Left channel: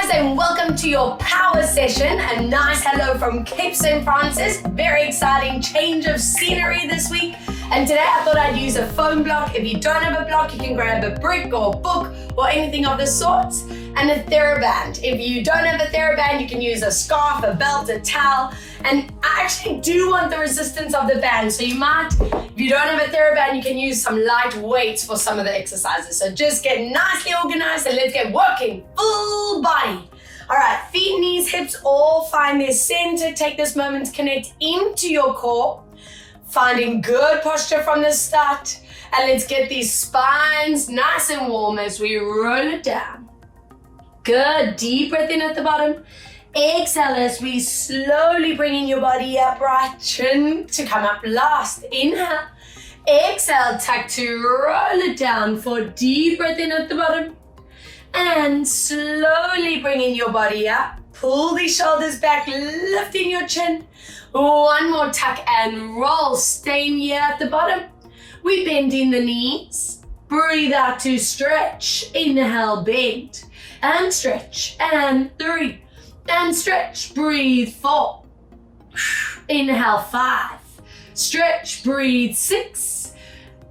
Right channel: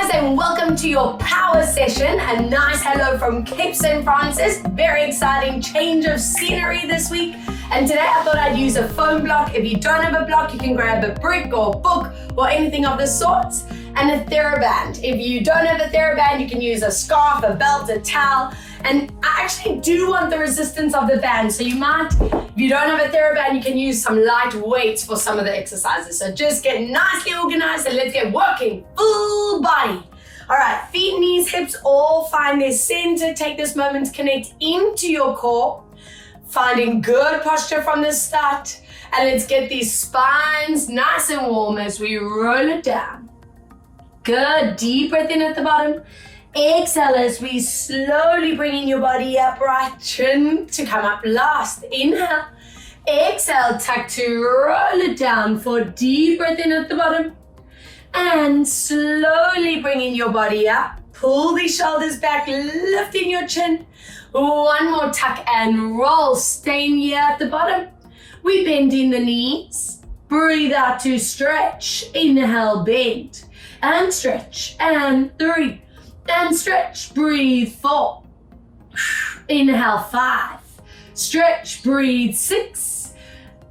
guys, and welcome to your power session. A nice hello from Cape St. Francis. Very exciting change of scenery this week. And today I thought I'd use a foam block. If you don't have a block, you can grab a brick or a book or anything of the sorts. And a TheraBand. If you don't have a TheraBand, you can use a scarf, a belt, a towel. And I actually do want the resistance of the band. So you might, if you don't have a TheraBand, you can use some light weights for some of the exercises. So just get nicely organized and let's get working. Full body. All right, feet, knees, hips, all find their center. Take this moment to connect into your core. Finding good posture from the start. And let's get these spines nice and warm as we roll it down. Good, deep breath in at the bottom. Exhale as we slowly bring in your body upright, chin to come up last. Inhale. Exhale, tuck to roll it down for deep breath in at the bottom. And slowly bring in your body up. Pull the shoulders back, lifting your chin. One more tuck and roll, staying here at the bottom. We bend in the knees. Breathe out to stretch. Inhale, bend. And stretch. And 3. And stretch. Breathe 4. Inhale 5. Stretch. Breathe 6.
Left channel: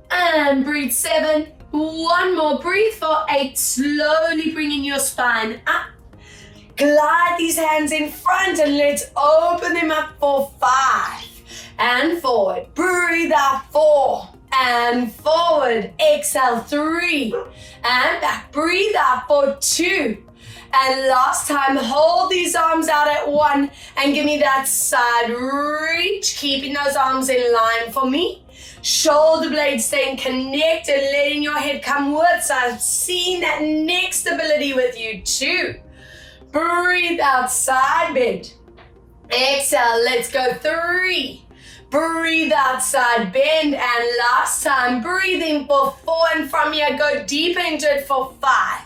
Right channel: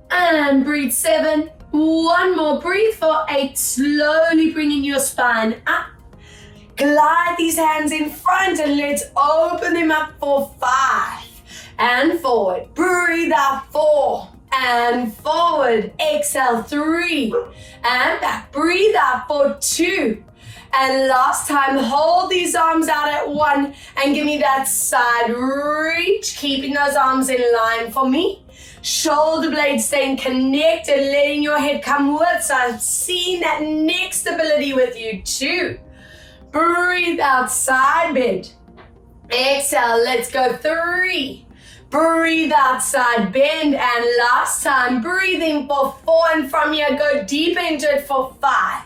And breathe 7. One more. Breathe for 8. Slowly bringing your spine up. Glide these hands in front and let's open them up for 5. And forward. Breathe out 4. And forward. Exhale 3. And back. Breathe out for 2. And last time, hold these arms out at 1 and give me that side reach. Keeping those arms in line for me. Shoulder blades staying connected, letting your head come with. So I'm seeing that neck stability with you. 2. Breathe out, side bend. Exhale, let's go 3. Breathe out, side bend. And last time, breathe in for 4. And from here, go deep into it for 5.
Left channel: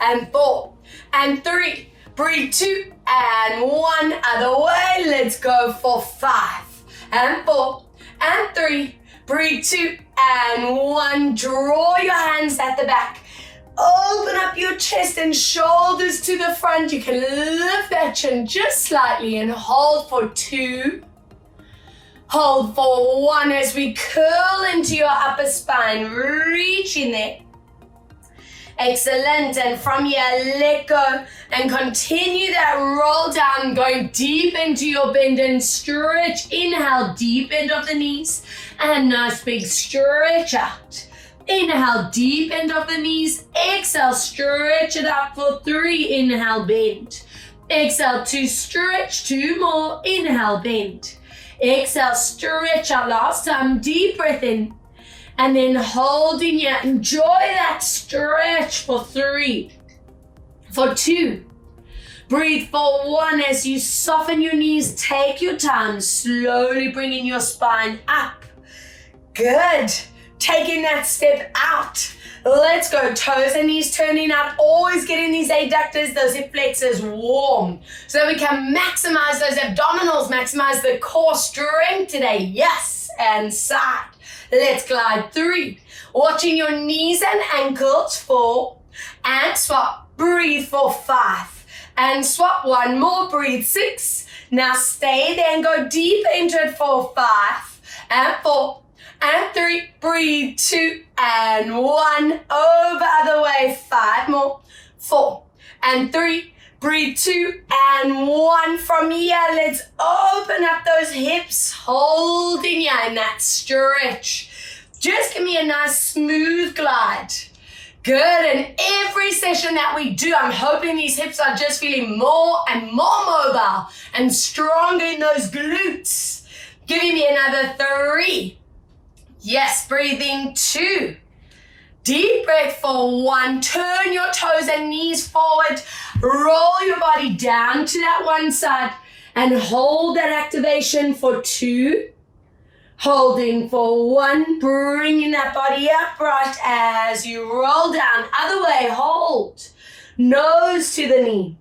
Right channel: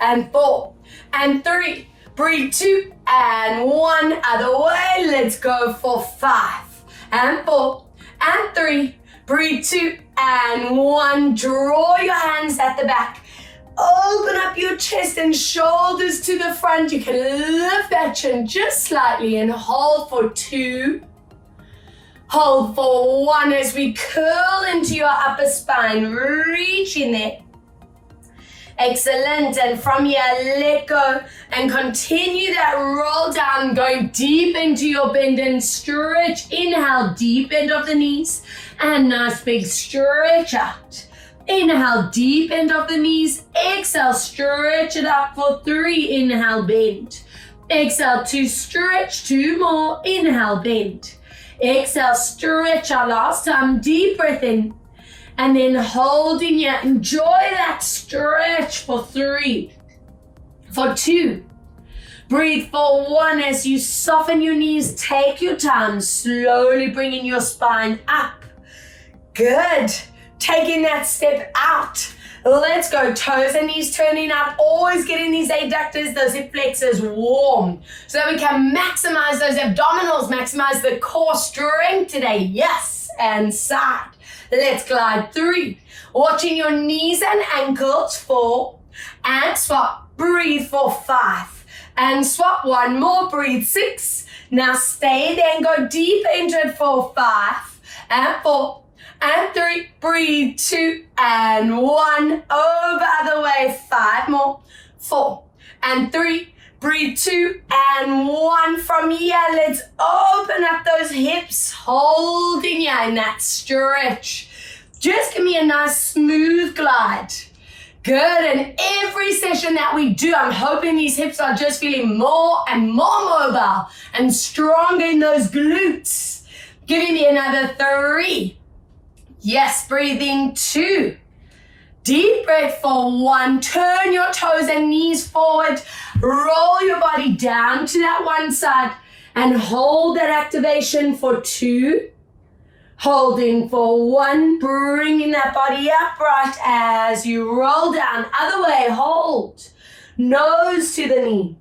And 4. And 3. Breathe 2. And 1. Other way. Let's go for 5. And 4. And 3. Breathe 2. And 1. Draw your hands at the back. Open up your chest and shoulders to the front. You can lift that chin just slightly and hold for 2. Hold for 1 as we curl into your upper spine. Reach in there. Excellent. And from here, let go and continue that roll down, going deep into your bend and stretch. Inhale, deep end of the knees and nice big stretch out. Inhale, deep end of the knees. Exhale, stretch it up for 3. Inhale, bend. Exhale, 2, stretch. 2 more. Inhale, bend. Exhale, stretch out. Last time, deep breath in. And then holding here. Enjoy that stretch for 3. For 2. Breathe for 1 as you soften your knees. Take your time. Slowly bringing your spine up. Good. Taking that step out. Let's go. Toes and knees turning out. Always getting these adductors, those hip flexors warm. So that we can maximize those abdominals, maximize the core strength today. Yes. And side. Let's glide 3. Watching your knees and ankles. 4. And swap. Breathe for 5. And swap. 1 more. Breathe 6. Now stay there and go deep into it for 5. And 4. And 3, breathe 2 and 1, over other way, 5 more, 4 and 3, breathe 2 and 1. From here, let's open up those hips, holding here in that stretch. Just give me a nice smooth glide. Good, and every session that we do, I'm hoping these hips are just feeling more and more mobile and stronger in those glutes. Giving me another 3. Yes, breathing 2. Deep breath for 1. Turn your toes and knees forward. Roll your body down to that one side and hold that activation for 2. Holding for 1. Bringing that body upright as you roll down. Other way, hold. Nose to the knee.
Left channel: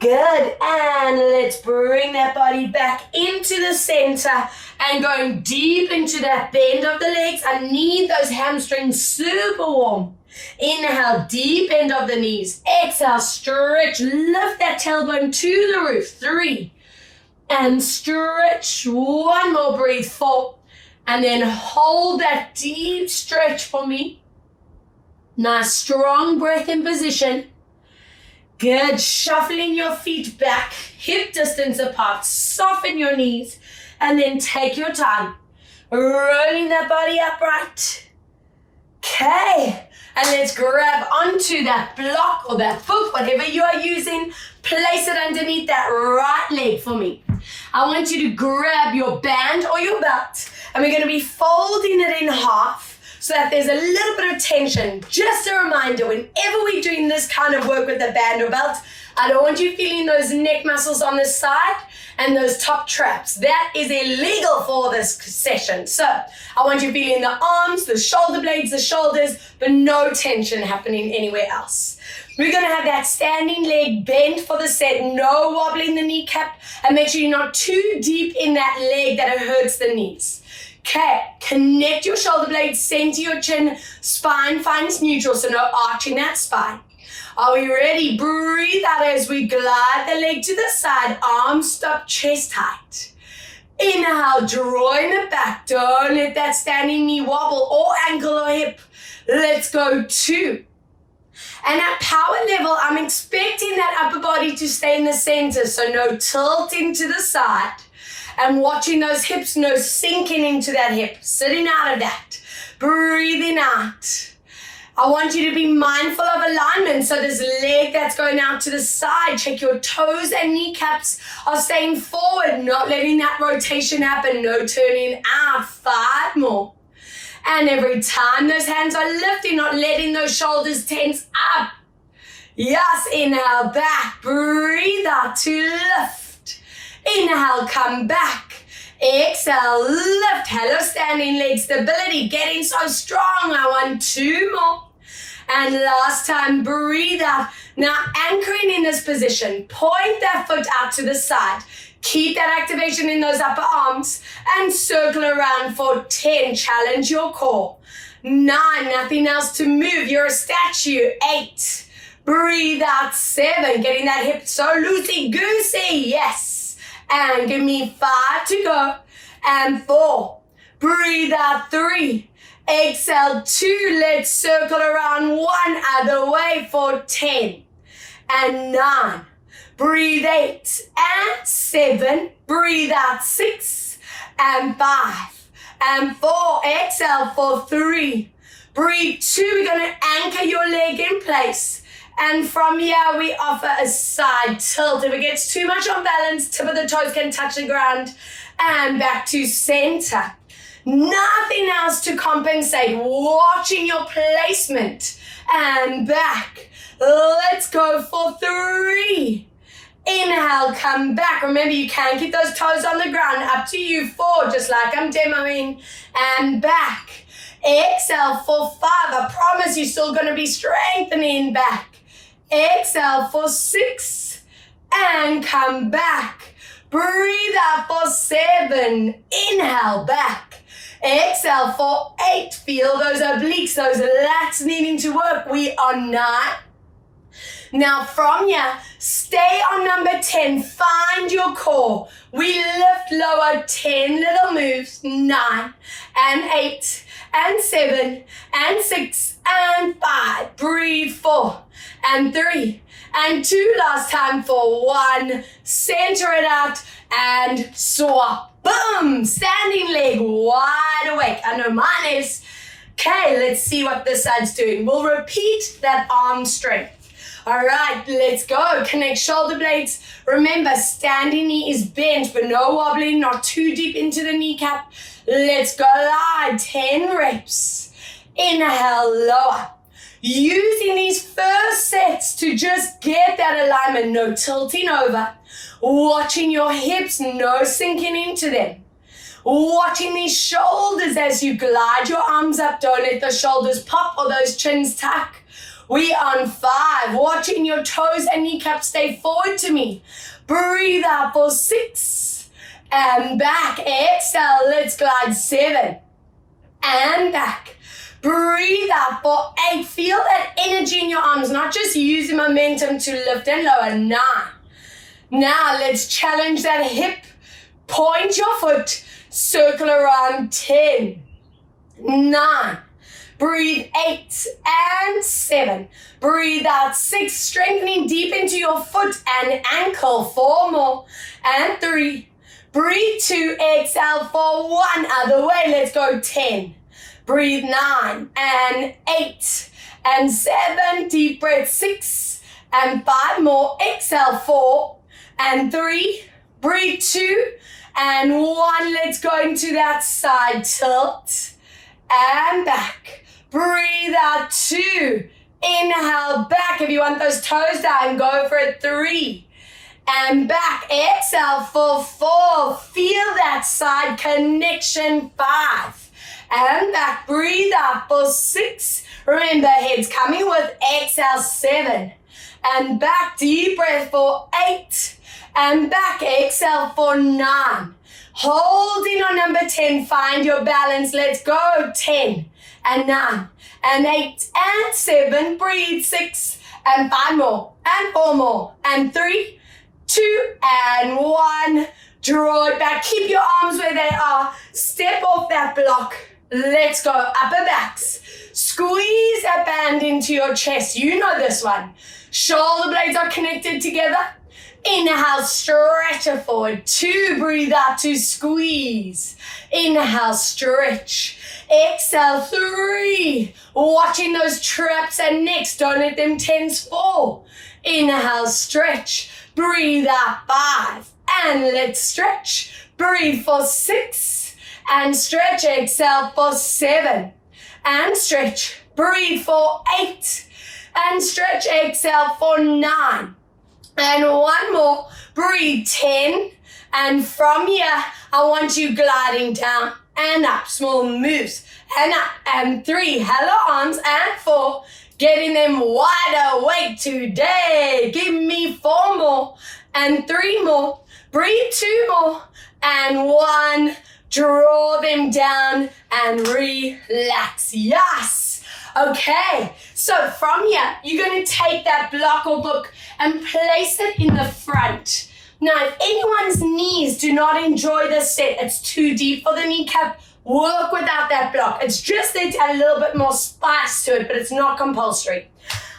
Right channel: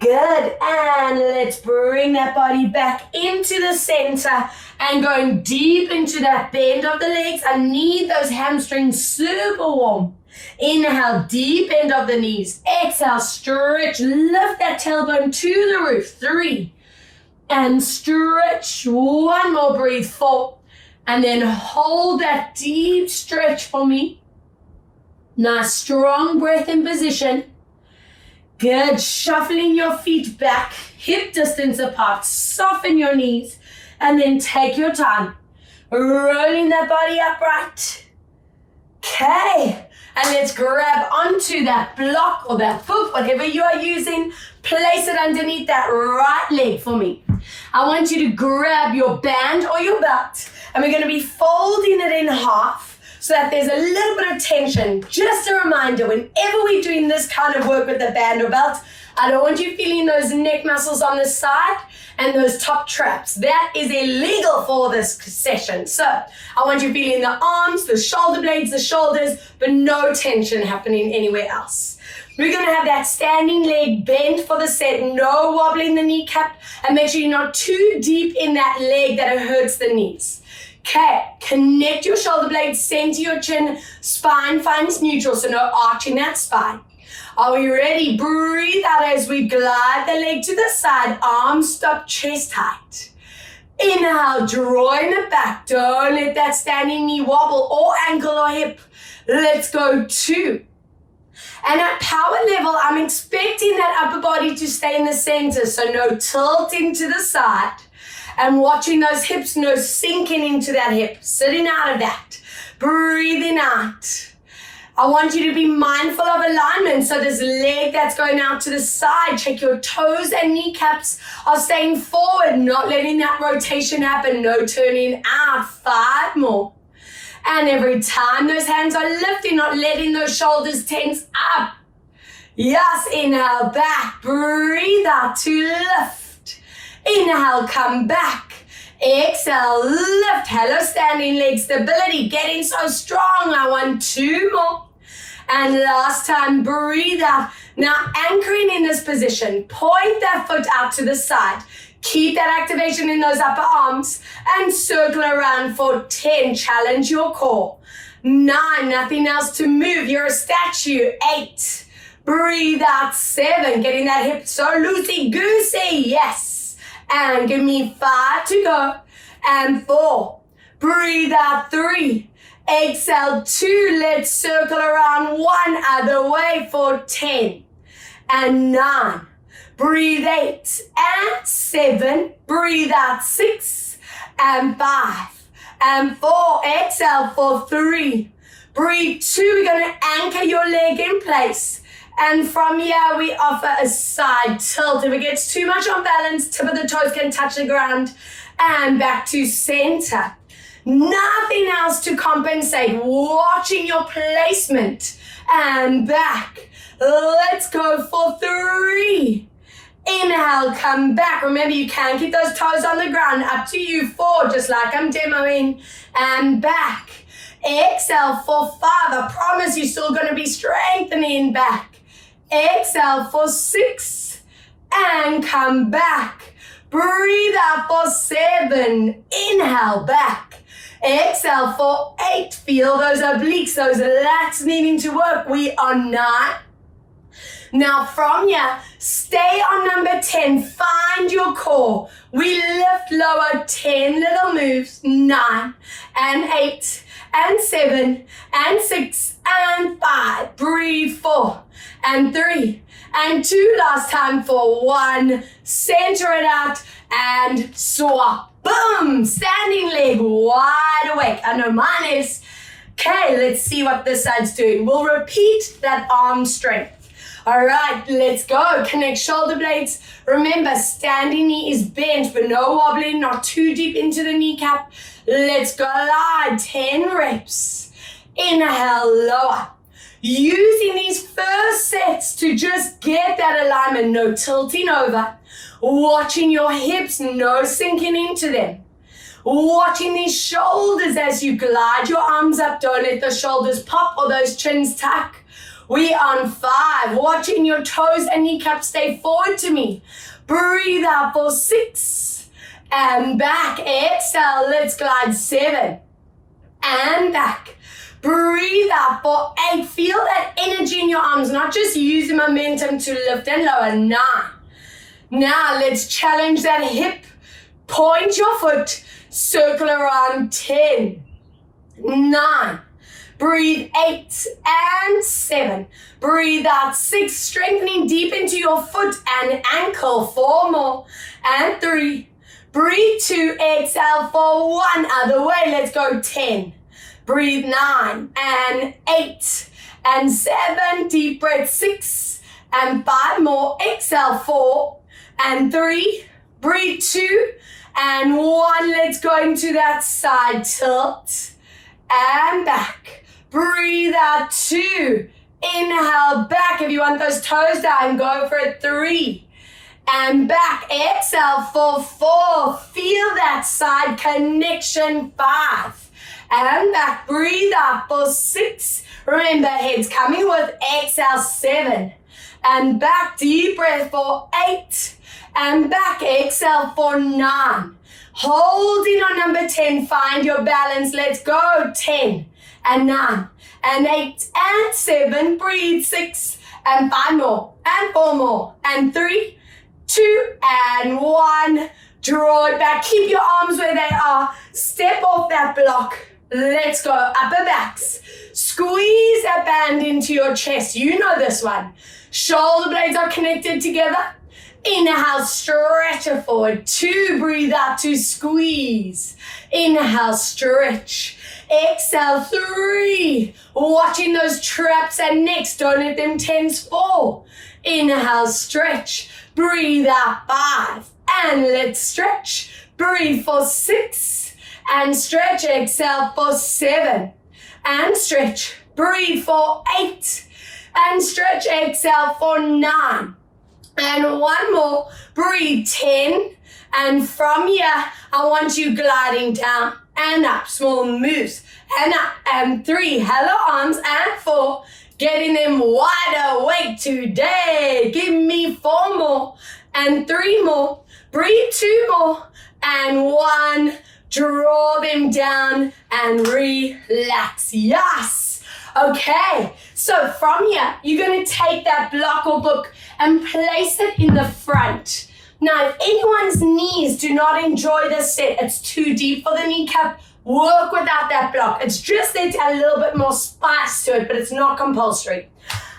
Good, and let's bring that body back into the center and going deep into that bend of the legs. I need those hamstrings super warm. Inhale, deep end of the knees. Exhale, stretch, lift that tailbone to the roof. 3. And stretch. 1 more, breathe. 4. And then hold that deep stretch for me. Nice, strong breath in position. Good, shuffling your feet back, hip distance apart. Soften your knees. And then take your time. Rolling that body upright. Okay. And let's grab onto that block or that foot, whatever you are using. Place it underneath that right leg for me. I want you to grab your band or your belt, and we're going to be folding it in half so that there's a little bit of tension. Just a reminder, whenever we're doing this kind of work with the band or belt, I don't want you feeling those neck muscles on the side and those top traps. That is illegal for this session. So I want you feeling the arms, the shoulder blades, the shoulders, but no tension happening anywhere else. We're going to have that standing leg bent for the set, no wobbling the kneecap, and make sure you're not too deep in that leg that it hurts the knees. Okay, connect your shoulder blades, center your chin, spine finds neutral, so no arching that spine. Are we ready? Breathe out as we glide the leg to the side, arms stop, chest tight. Inhale, drawing it back. Don't let that standing knee wobble or ankle or hip. Let's go 2. And at power level, I'm expecting that upper body to stay in the center, so no tilting to the side. And watching those hips, no sinking into that hip, sitting out of that. Breathing out. I want you to be mindful of alignment. So this leg that's going out to the side, check your toes and kneecaps are staying forward, not letting that rotation happen, no turning out. 5 more. And every time those hands are lifting, not letting those shoulders tense up. Yes, inhale, back, breathe out to lift. Inhale, come back. Exhale, lift. Hello, standing leg stability, getting so strong. I want 2 more. And last time, breathe out. Now anchoring in this position, point that foot out to the side. Keep that activation in those upper arms and circle around for 10. Challenge your core. 9, nothing else to move. You're a statue. 8, breathe out. 7, getting that hip so loosey-goosey. Yes. And give me 5 to go. And 4, breathe out. 3, exhale. 2, let's circle around 1 other way for 10. And 9. Breathe 8 and 7, breathe out 6 and 5 and 4, exhale for 3, breathe 2, we're going to anchor your leg in place, and from here we offer a side tilt. If it gets too much on balance, tip of the toes can touch the ground, and back to center. Nothing else to compensate, watching your placement, and back. Let's go for 3. Inhale, come back. Remember, you can keep those toes on the ground. Up to you. 4, just like I'm demoing. And back. Exhale for 5. I promise you're still going to be strengthening back. Exhale for 6. And come back. Breathe out for 7. Inhale, back. Exhale for 8. Feel those obliques, those lats needing to work. We are 9. Now from here, stay on number 10. Find your core. We lift lower, 10 little moves. 9 and 8 and 7 and 6 and 5. Breathe. 4 and 3 and 2. Last time for 1. Center it out and swap. Boom. Standing leg wide awake. I know mine is. Okay, let's see what this side's doing. We'll repeat that arm strength. All right, let's go. Connect shoulder blades. Remember, standing knee is bent, but no wobbling, not too deep into the kneecap. Let's glide. 10 reps. Inhale, lower. Using these first sets to just get that alignment, no tilting over. Watching your hips, no sinking into them. Watching these shoulders as you glide your arms up. Don't let the shoulders pop or those chins tuck. We on 5, watching your toes and kneecaps stay forward to me. Breathe out for 6 and back. Exhale, let's glide 7 and back. Breathe out for 8. Feel that energy in your arms, not just use the momentum to lift and lower. 9. Now let's challenge that hip. Point your foot, circle around. 10. 9. Breathe 8 and 7. Breathe out 6, strengthening deep into your foot and ankle. 4 more and 3. Breathe 2, exhale for 1. Other way, let's go. 10. Breathe 9 and 8 and 7. Deep breath. 6 and 5 more. Exhale 4 and 3. Breathe 2 and 1. Let's go into that side tilt and back. Breathe out 2. Inhale back. If you want those toes down, go for it. 3 and back. Exhale for 4. Feel that side connection. 5 and back. Breathe out for 6. Remember, head's coming with exhale. 7 and back. Deep breath for 8 and back. Exhale for 9. Holding on number 10. Find your balance. Let's go. 10 and 9 and 8 and 7. Breathe. 6 and 5 more and 4 more and 3, 2 and 1. Draw it back. Keep your arms where they are. Step off that block. Let's go. Upper backs. Squeeze that band into your chest. You know this one. Shoulder blades are connected together. Inhale, stretch it forward. 2, breathe out to squeeze. Inhale, stretch. Exhale, 3. Watching those traps and necks. Don't let them tense. 4. Inhale, stretch. Breathe out. 5. And let's stretch. Breathe for 6. And stretch. Exhale for 7. And stretch. Breathe for 8. And stretch. Exhale for 9. And 1 more. Breathe. 10. And from here, I want you gliding down and up. Small moves. And up. And 3. Hello, arms. And 4. Getting them wide awake today. Give me 4 more. And 3 more. Breathe. 2 more. And 1. Draw them down and relax. Yes. Okay. So from here, you're going to take that block or book and place it in the front. Now, if anyone's knees do not enjoy this set, it's too deep for the kneecap, work without that block. It's just there to add a little bit more spice to it, but it's not compulsory.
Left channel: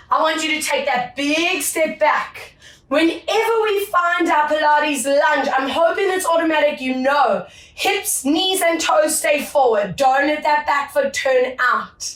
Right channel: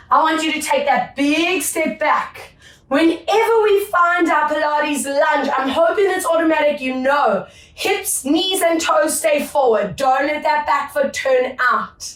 I want you to take that big step back. Whenever we find our Pilates lunge, I'm hoping it's automatic, you know. Hips, knees, and toes stay forward. Don't let that back foot turn out.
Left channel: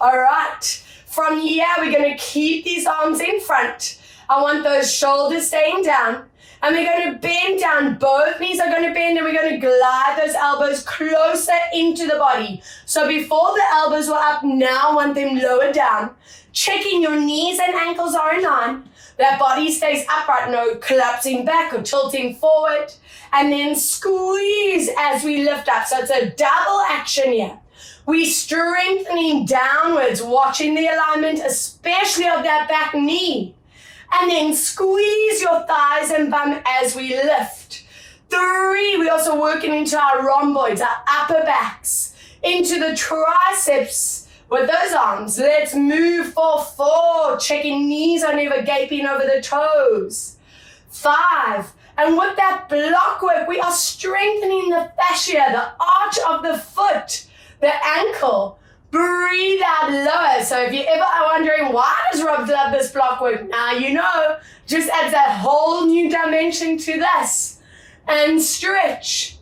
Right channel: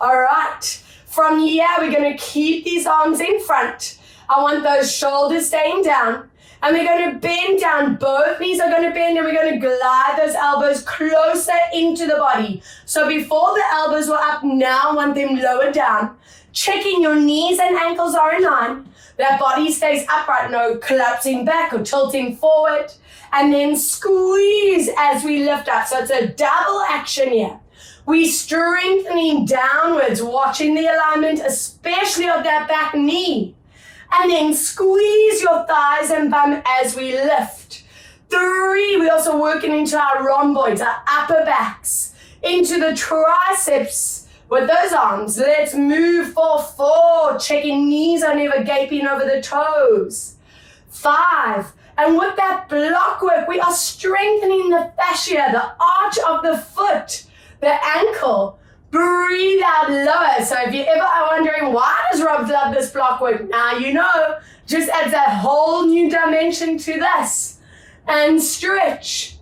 All right. From here, we're going to keep these arms in front. I want those shoulders staying down. And we're going to bend down. Both knees are going to bend, and we're going to glide those elbows closer into the body. So before the elbows were up, now I want them lower down. Checking your knees and ankles are in line. That body stays upright, no collapsing back or tilting forward. And then squeeze as we lift up. So it's a double action here. We strengthening downwards, watching the alignment, especially of that back knee. And then squeeze your thighs and bum as we lift. 3, we're also working into our rhomboids, our upper backs, into the triceps. With those arms, let's move for 4. Checking knees are never gaping over the toes. 5. And with that block work, we are strengthening the fascia, the arch of the foot, the ankle. Breathe out lower. So if you ever are wondering, why does Rob love this block work? Now you know, just adds that whole new dimension to this. And stretch.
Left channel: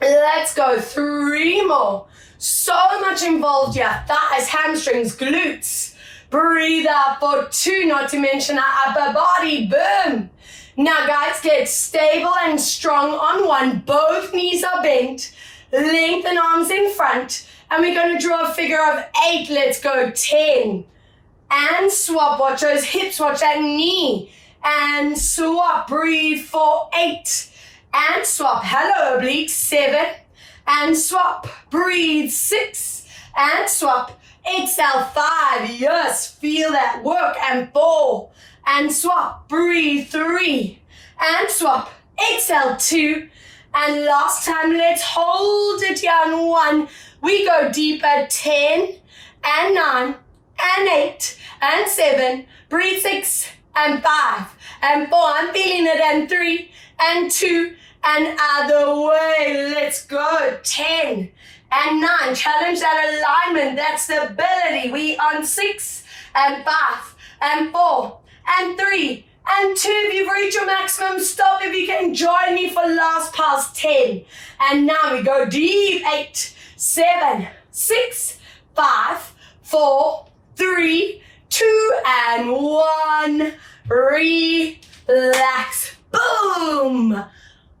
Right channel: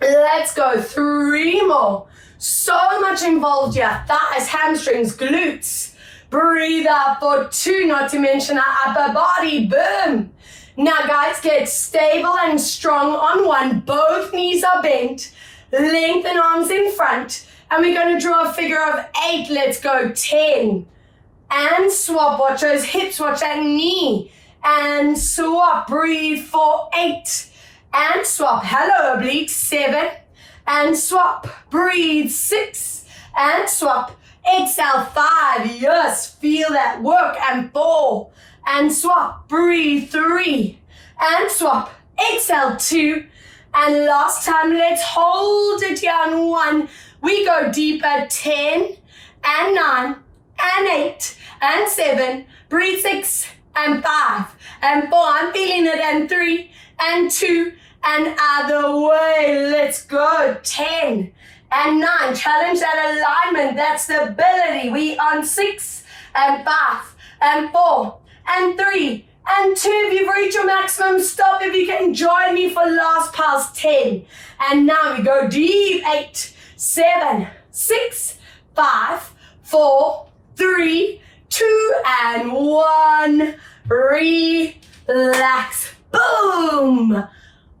Let's go. 3 more. So much involved here. Thighs, hamstrings, glutes. Breathe out for 2, not to mention our upper body. Boom. Now guys, get stable and strong on 1. Both knees are bent. Lengthen arms in front. And we're going to draw a figure of 8. Let's go. 10. And swap. Watch those hips. Watch that knee. And swap. Breathe for 8. And swap. Hello, obliques. 7. And swap. Breathe. 6. And swap. Exhale. 5. Yes. Feel that work. And 4. And swap. Breathe. 3. And swap. Exhale. 2. And last time, let's hold it here on 1. We go deeper. 10. and 9, and 8, and 7, breathe 6, and 5, and 4, I'm feeling it, and 3, and 2, and other way, let's go, 10, and 9, challenge that alignment, that stability, we on 6, and 5, and 4, and 3, and 2, if you've reached your maximum, stop if you can join me for last past 10, and now we go deep, 8, 7, 6, 5, 4, 3, 2, and 1, relax, boom,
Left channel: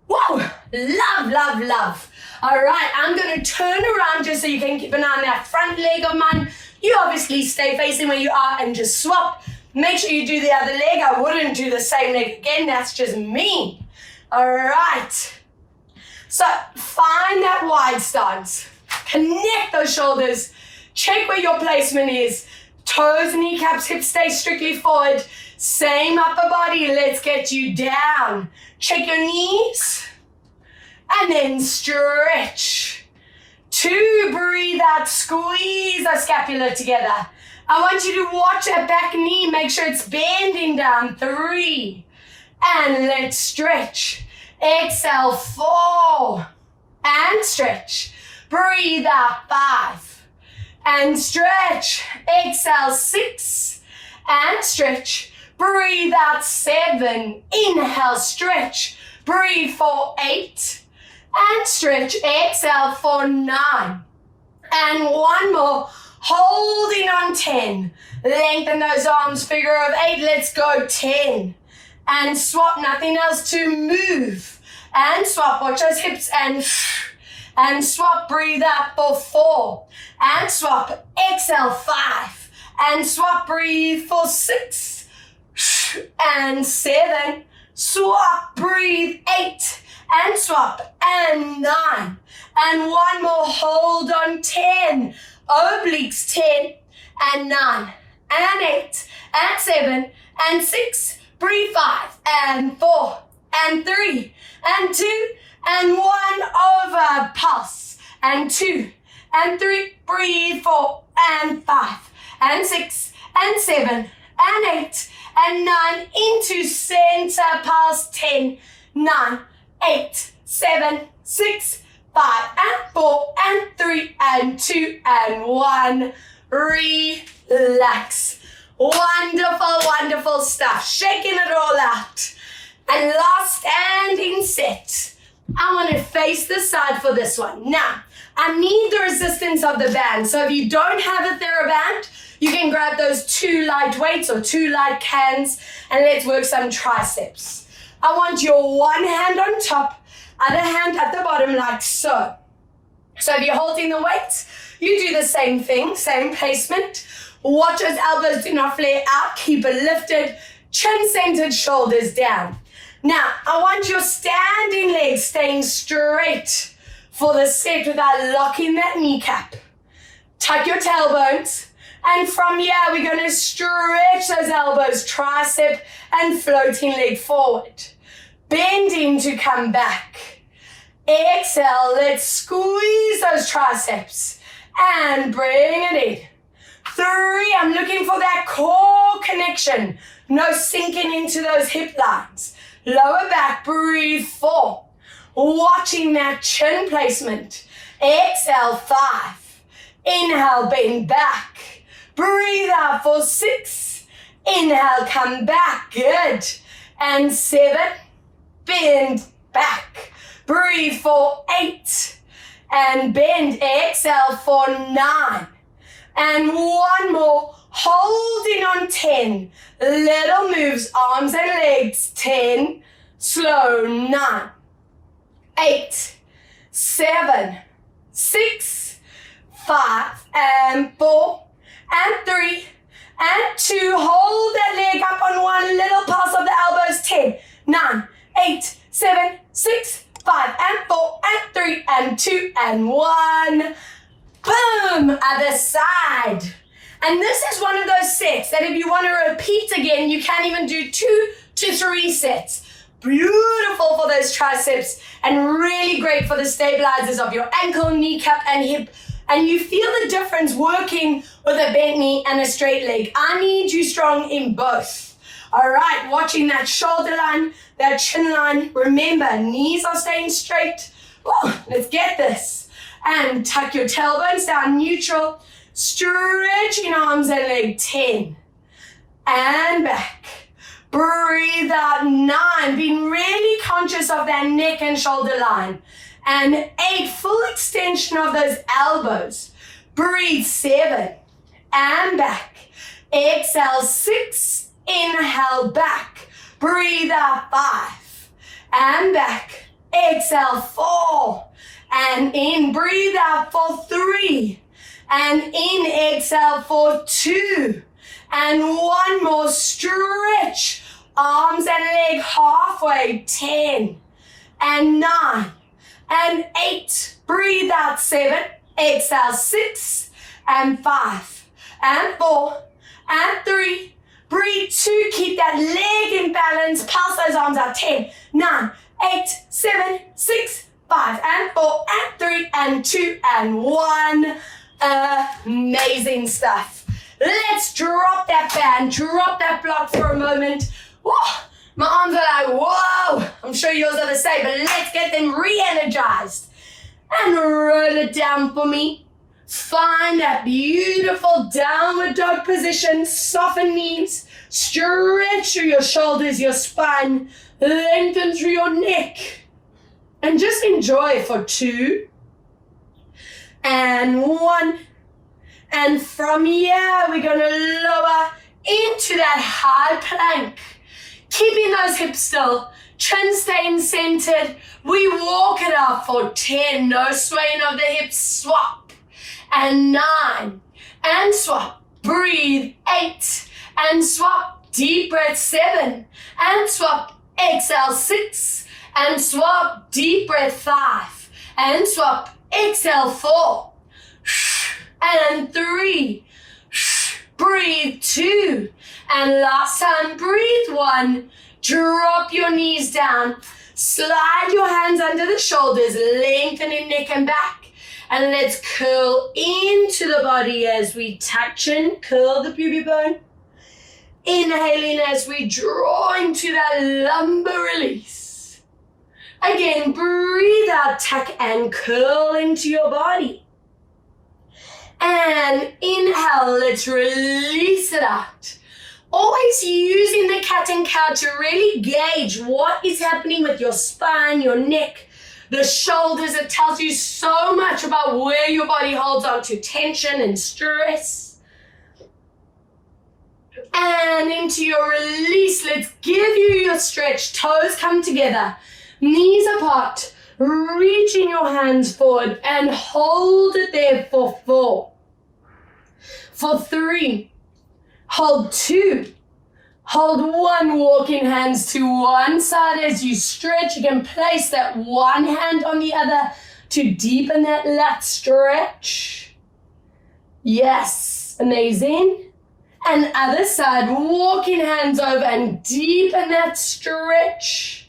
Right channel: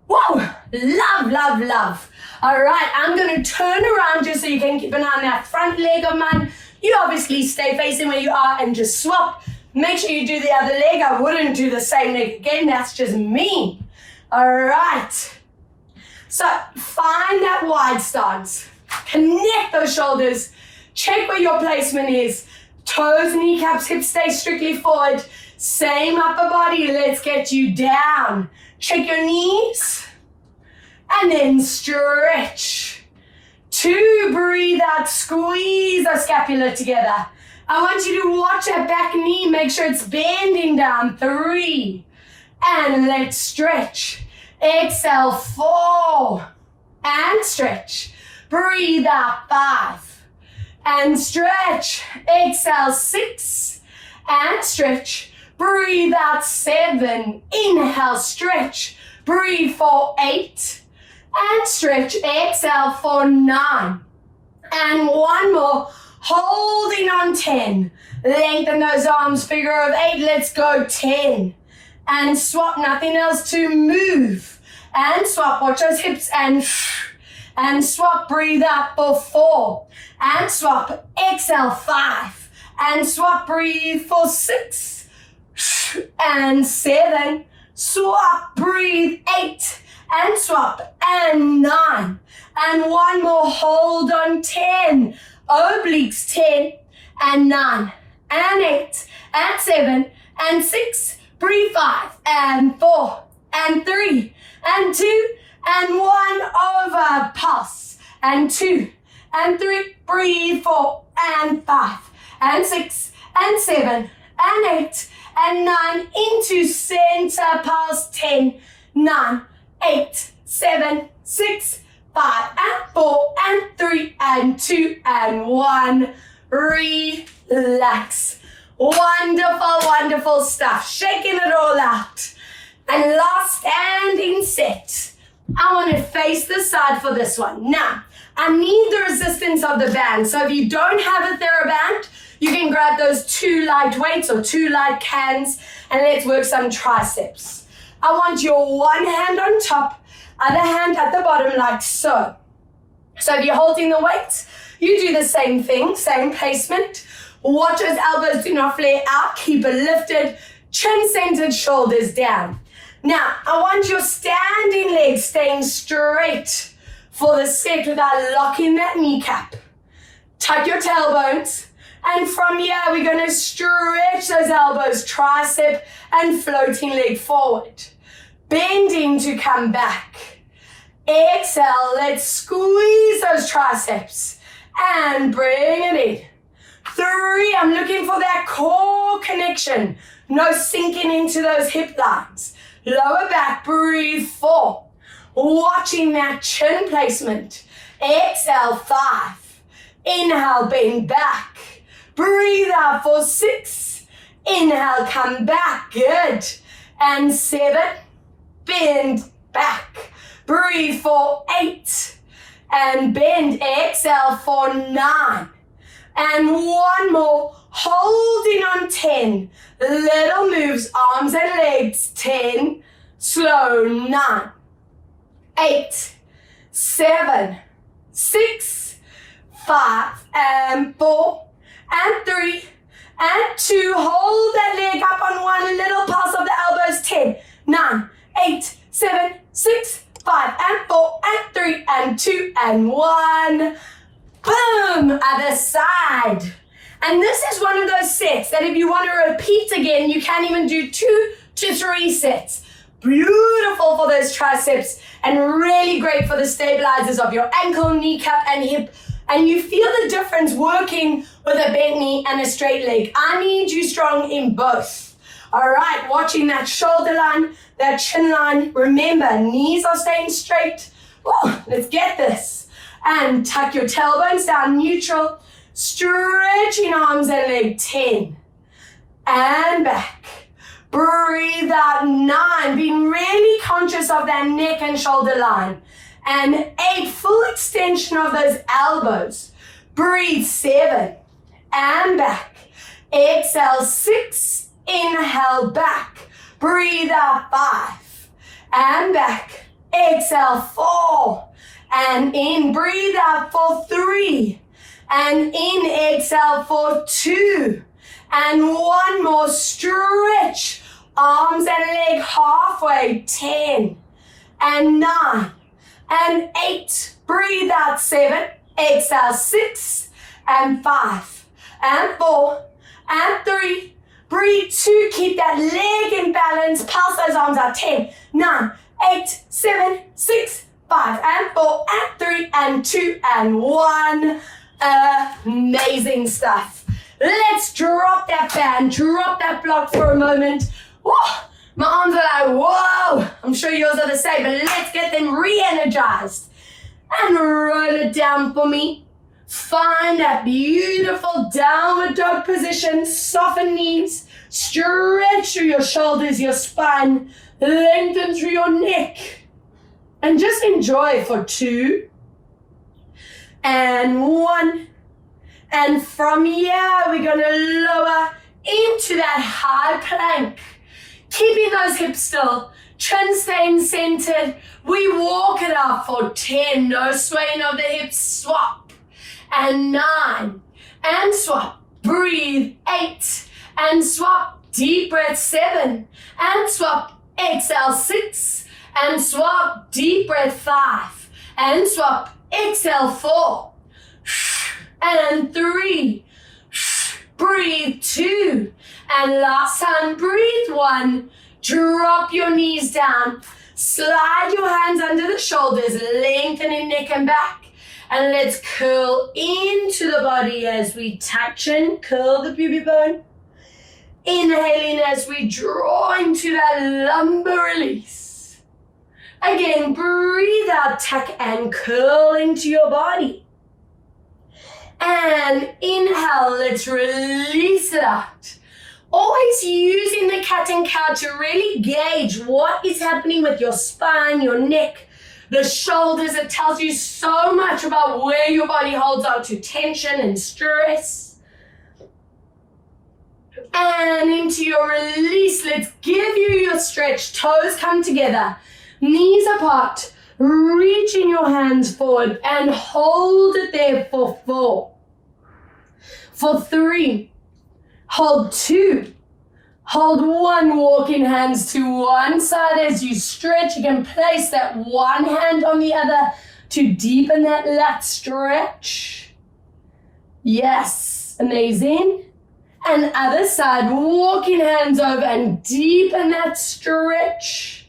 whoa, love, love, love. All right, I'm going to turn around just so you can keep an eye on that front leg of mine. You obviously stay facing where you are and just swap. Make sure you do the other leg. I wouldn't do the same leg again. That's just me. All right. So find that wide stance. Connect those shoulders. Check where your placement is. Toes, kneecaps, hips stay strictly forward. Same upper body. Let's get you down. Check your knees. And then stretch. 2, breathe out. Squeeze the scapula together. I want you to watch that back knee. Make sure it's bending down. 3. And let's stretch. Exhale, 4. And stretch. Breathe out, 5. And stretch. Exhale, 6. And stretch. Breathe out, 7. Inhale, stretch. Breathe for 8. And stretch. Exhale for 9. And one more. Holding on 10. Lengthen those arms, figure of 8. Let's go 10. And swap, nothing else to move. And swap, watch those hips and swap, breathe out for 4. And swap, exhale 5. And swap, breathe for 6. And 7. Swap, breathe 8. And swap, and 9. And one more, hold on 10. Obliques 10, and 9, and 8, and 7, and 6, breathe 5, and 4, and 3, and 2, and 1, over, pulse, and 2, and 3, breathe 4, and 5, and 6, and 7, and 8, and 9, into center, pulse, 10, 9, 8, 7, 6, 5, and 4, and 3, and 2, and 1. Relax. Wonderful, wonderful stuff. Shaking it all out. And last standing set. I want to face the side for this one. Now, I need the resistance of the band. So if you don't have a TheraBand, you can grab those 2 light weights or 2 light cans, and let's work some triceps. I want your one hand on top, other hand at the bottom like so. So if you're holding the weight, you do the same thing, same placement. Watch those elbows do not flare out. Keep it lifted, chin centered, shoulders down. Now, I want your standing legs staying straight for the set without locking that kneecap. Tuck your tailbones. And from here, we're going to stretch those elbows, tricep and floating leg forward. Bending to come back. Exhale, let's squeeze those triceps and bring it in. 3, I'm looking for that core connection. No sinking into those hip lines. Lower back, breathe 4. Watching that chin placement. Exhale, 5. Inhale, bend back. Breathe out for 6. Inhale, come back. Good. And 7. Bend back. Breathe for 8. And bend. Exhale for 9. And one more. Holding on 10. Little moves, arms and legs. 10. Slow. 9. 8. 7. 6. 5. And 4. And 3. And 2. Hold that leg up on one. Little pulse of the elbows. 10. 9. 8. 7. 6. 5. And 4. And 3. And 2. And 1. Boom. Other side. And this is one of those sets that if you want to repeat again, you can even do 2 to 3 sets. Beautiful for those triceps and really great for the stabilizers of your ankle, kneecap, and hip and you feel the difference working with a bent knee and a straight leg. I need you strong in both. All right, watching that shoulder line, that chin line. Remember, knees are staying straight. Whoa, let's get this. And tuck your tailbones down neutral. Stretching arms and leg, 10. And back. Breathe out, 9. Being really conscious of that neck and shoulder line. And 8, full extension of those elbows. Breathe, 7. And back. Exhale, 6. Inhale, back. Breathe out, 5. And back. Exhale, 4. And in. Breathe out for 3. And in. Exhale for 2. And one more stretch. Arms and leg halfway. 10. And 9. And 8. Breathe out, 7. Exhale, 6. And 5. And 4. And 3. Breathe, 2. Keep that leg in balance. Pulse those arms out. 10, 9, 8, 7, 6, 5, and 4, and 3, and 2, and 1. Amazing stuff. Let's drop that band, drop that block for a moment. Whoa, my arms are like, whoa. I'm sure yours are the same, but let's get them re-energized. And roll it down for me. Find that beautiful downward dog position. Soften knees. Stretch through your shoulders, your spine. Lengthen through your neck. And just enjoy for 2. And 1. And from here, we're going to lower into that high plank. Keeping those hips still. Chin staying centered. We walk it up for 10. No swaying of the hips. Swap. And 9. And swap. Breathe. 8. And swap. Deep breath. 7. And swap. Exhale. 6. And swap. Deep breath. 5. And swap. Exhale. 4. And 3. Breathe. 2. And last time. Breathe. 1. Drop your knees down. Slide your hands under the shoulders. Lengthening neck and back. And let's curl into the body as we touch and curl the pubic bone. Inhaling as we draw into that lumbar release. Again, breathe out, tuck and curl into your body. And inhale, let's release it out. Always using the cat and cow to really gauge what is happening with your spine, your neck, the shoulders. It tells you so much about where your body holds on to tension and stress. And into your release, let's give you your stretch. Toes come together, knees apart, reaching your hands forward and hold it there for 4. For 3, hold 2. Hold 1, walking hands to one side as you stretch. You can place that one hand on the other to deepen that lat stretch. Yes, amazing. And other side, walking hands over and deepen that stretch.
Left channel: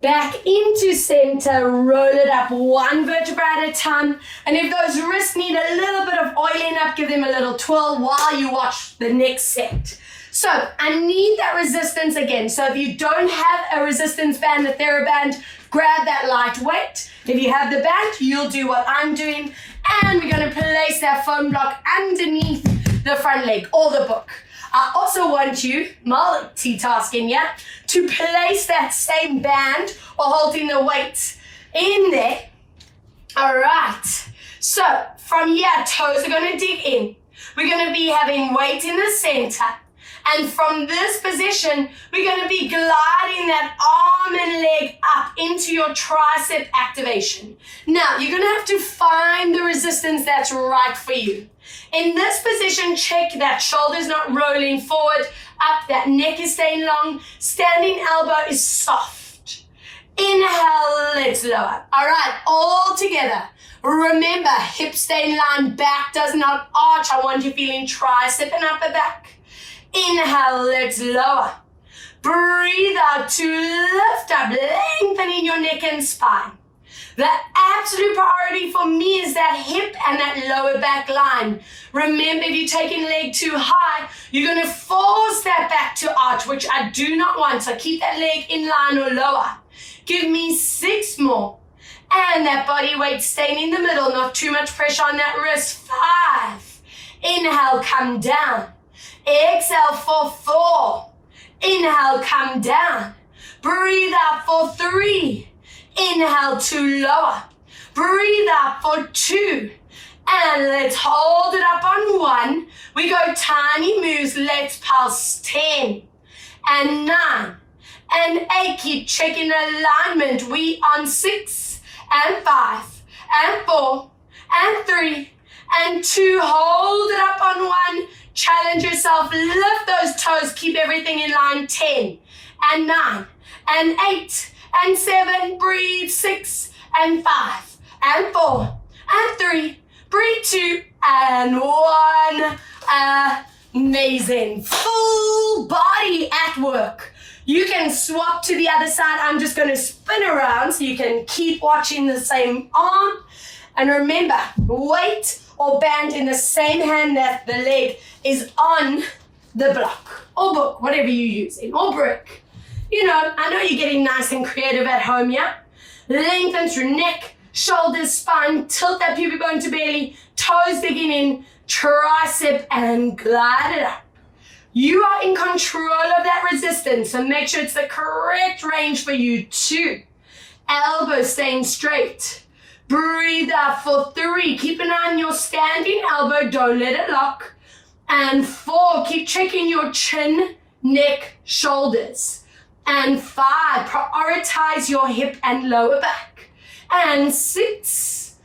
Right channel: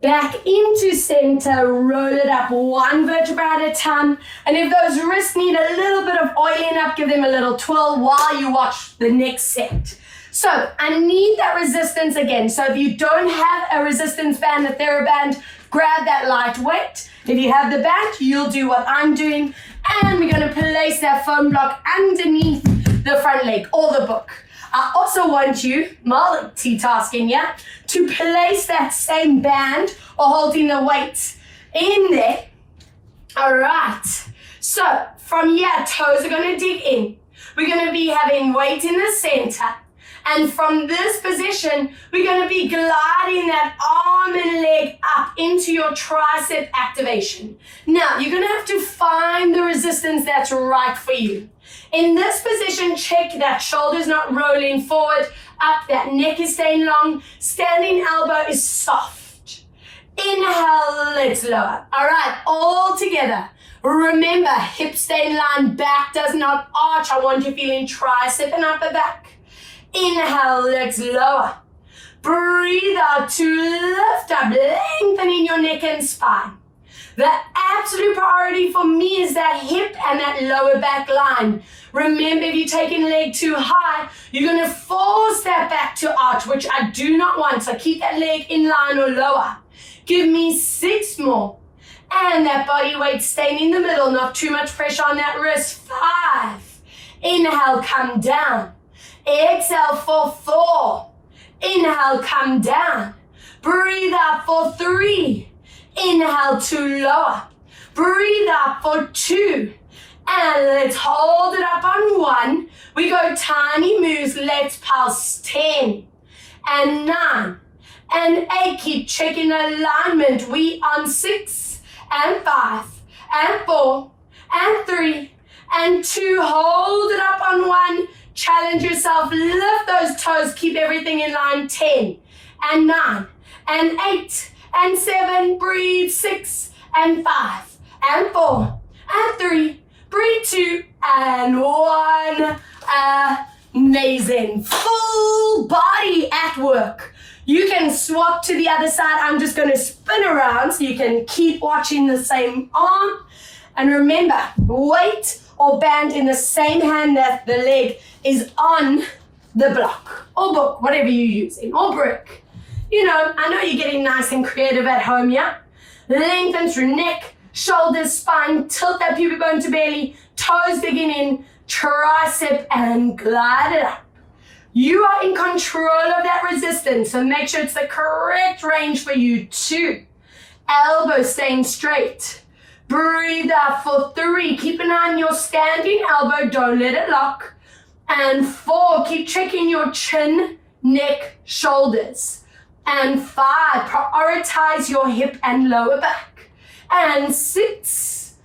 Back into center, roll it up 1 vertebra at a time. And if those wrists need a little bit of oiling up, give them a little twirl while you watch the next set. So I need that resistance again. So if you don't have a resistance band, a TheraBand, grab that lightweight. If you have the band, you'll do what I'm doing. And we're going to place that foam block underneath the front leg or the book. I also want you, multitasking, yeah, to place that same band or holding the weight in there. All right. So from here, toes are going to dig in. We're going to be having weight in the center. And from this position, we're going to be gliding that arm and leg up into your tricep activation. Now, you're going to have to find the resistance that's right for you. In this position, check that shoulder's not rolling forward, up, that neck is staying long, standing elbow is soft. Inhale, let's lower. All right, all together. Remember, hips stay in line, back does not arch. I want you feeling tricep and upper back. Inhale, let's lower. Breathe out to lift up, lengthening your neck and spine. The absolute priority for me is that hip and that lower back line. Remember, if you're taking the leg too high, you're going to force that back to arch, which I do not want. So keep that leg in line or lower. Give me 6 more. And that body weight staying in the middle, not too much pressure on that wrist. 5. Inhale, come down. Exhale for 4. Inhale, come down. Breathe out for 3. Inhale to lower. Breathe out for 2. And let's hold it up on 1. We go tiny moves. Let's pulse 10 and 9 and 8. Keep checking alignment. We on 6 and 5 and 4 and 3 and 2. Hold it up on 1. Challenge yourself. Lift those toes. Keep everything in line. 10 and 9 and 8 and 7. Breathe. 6 and 5 and 4 and 3. Breathe. 2 and 1. Amazing. Full body at work. You can swap to the other side. I'm just going to spin around so you can keep watching the same arm. And remember, weight or band in the same hand that the leg is on the block or book, whatever you're using, or brick. You know, I know you're getting nice and creative at home, yeah? Lengthen through neck, shoulders, spine, tilt that pubic bone to belly, toes digging in, tricep, and glide it up. You are in control of that resistance, so make sure it's the correct range for you. 2, elbows staying straight. Breathe out for 3. Keep an eye on your standing elbow. Don't let it lock. And 4, keep checking your chin, neck, shoulders. And 5, prioritize your hip and lower back. And 6,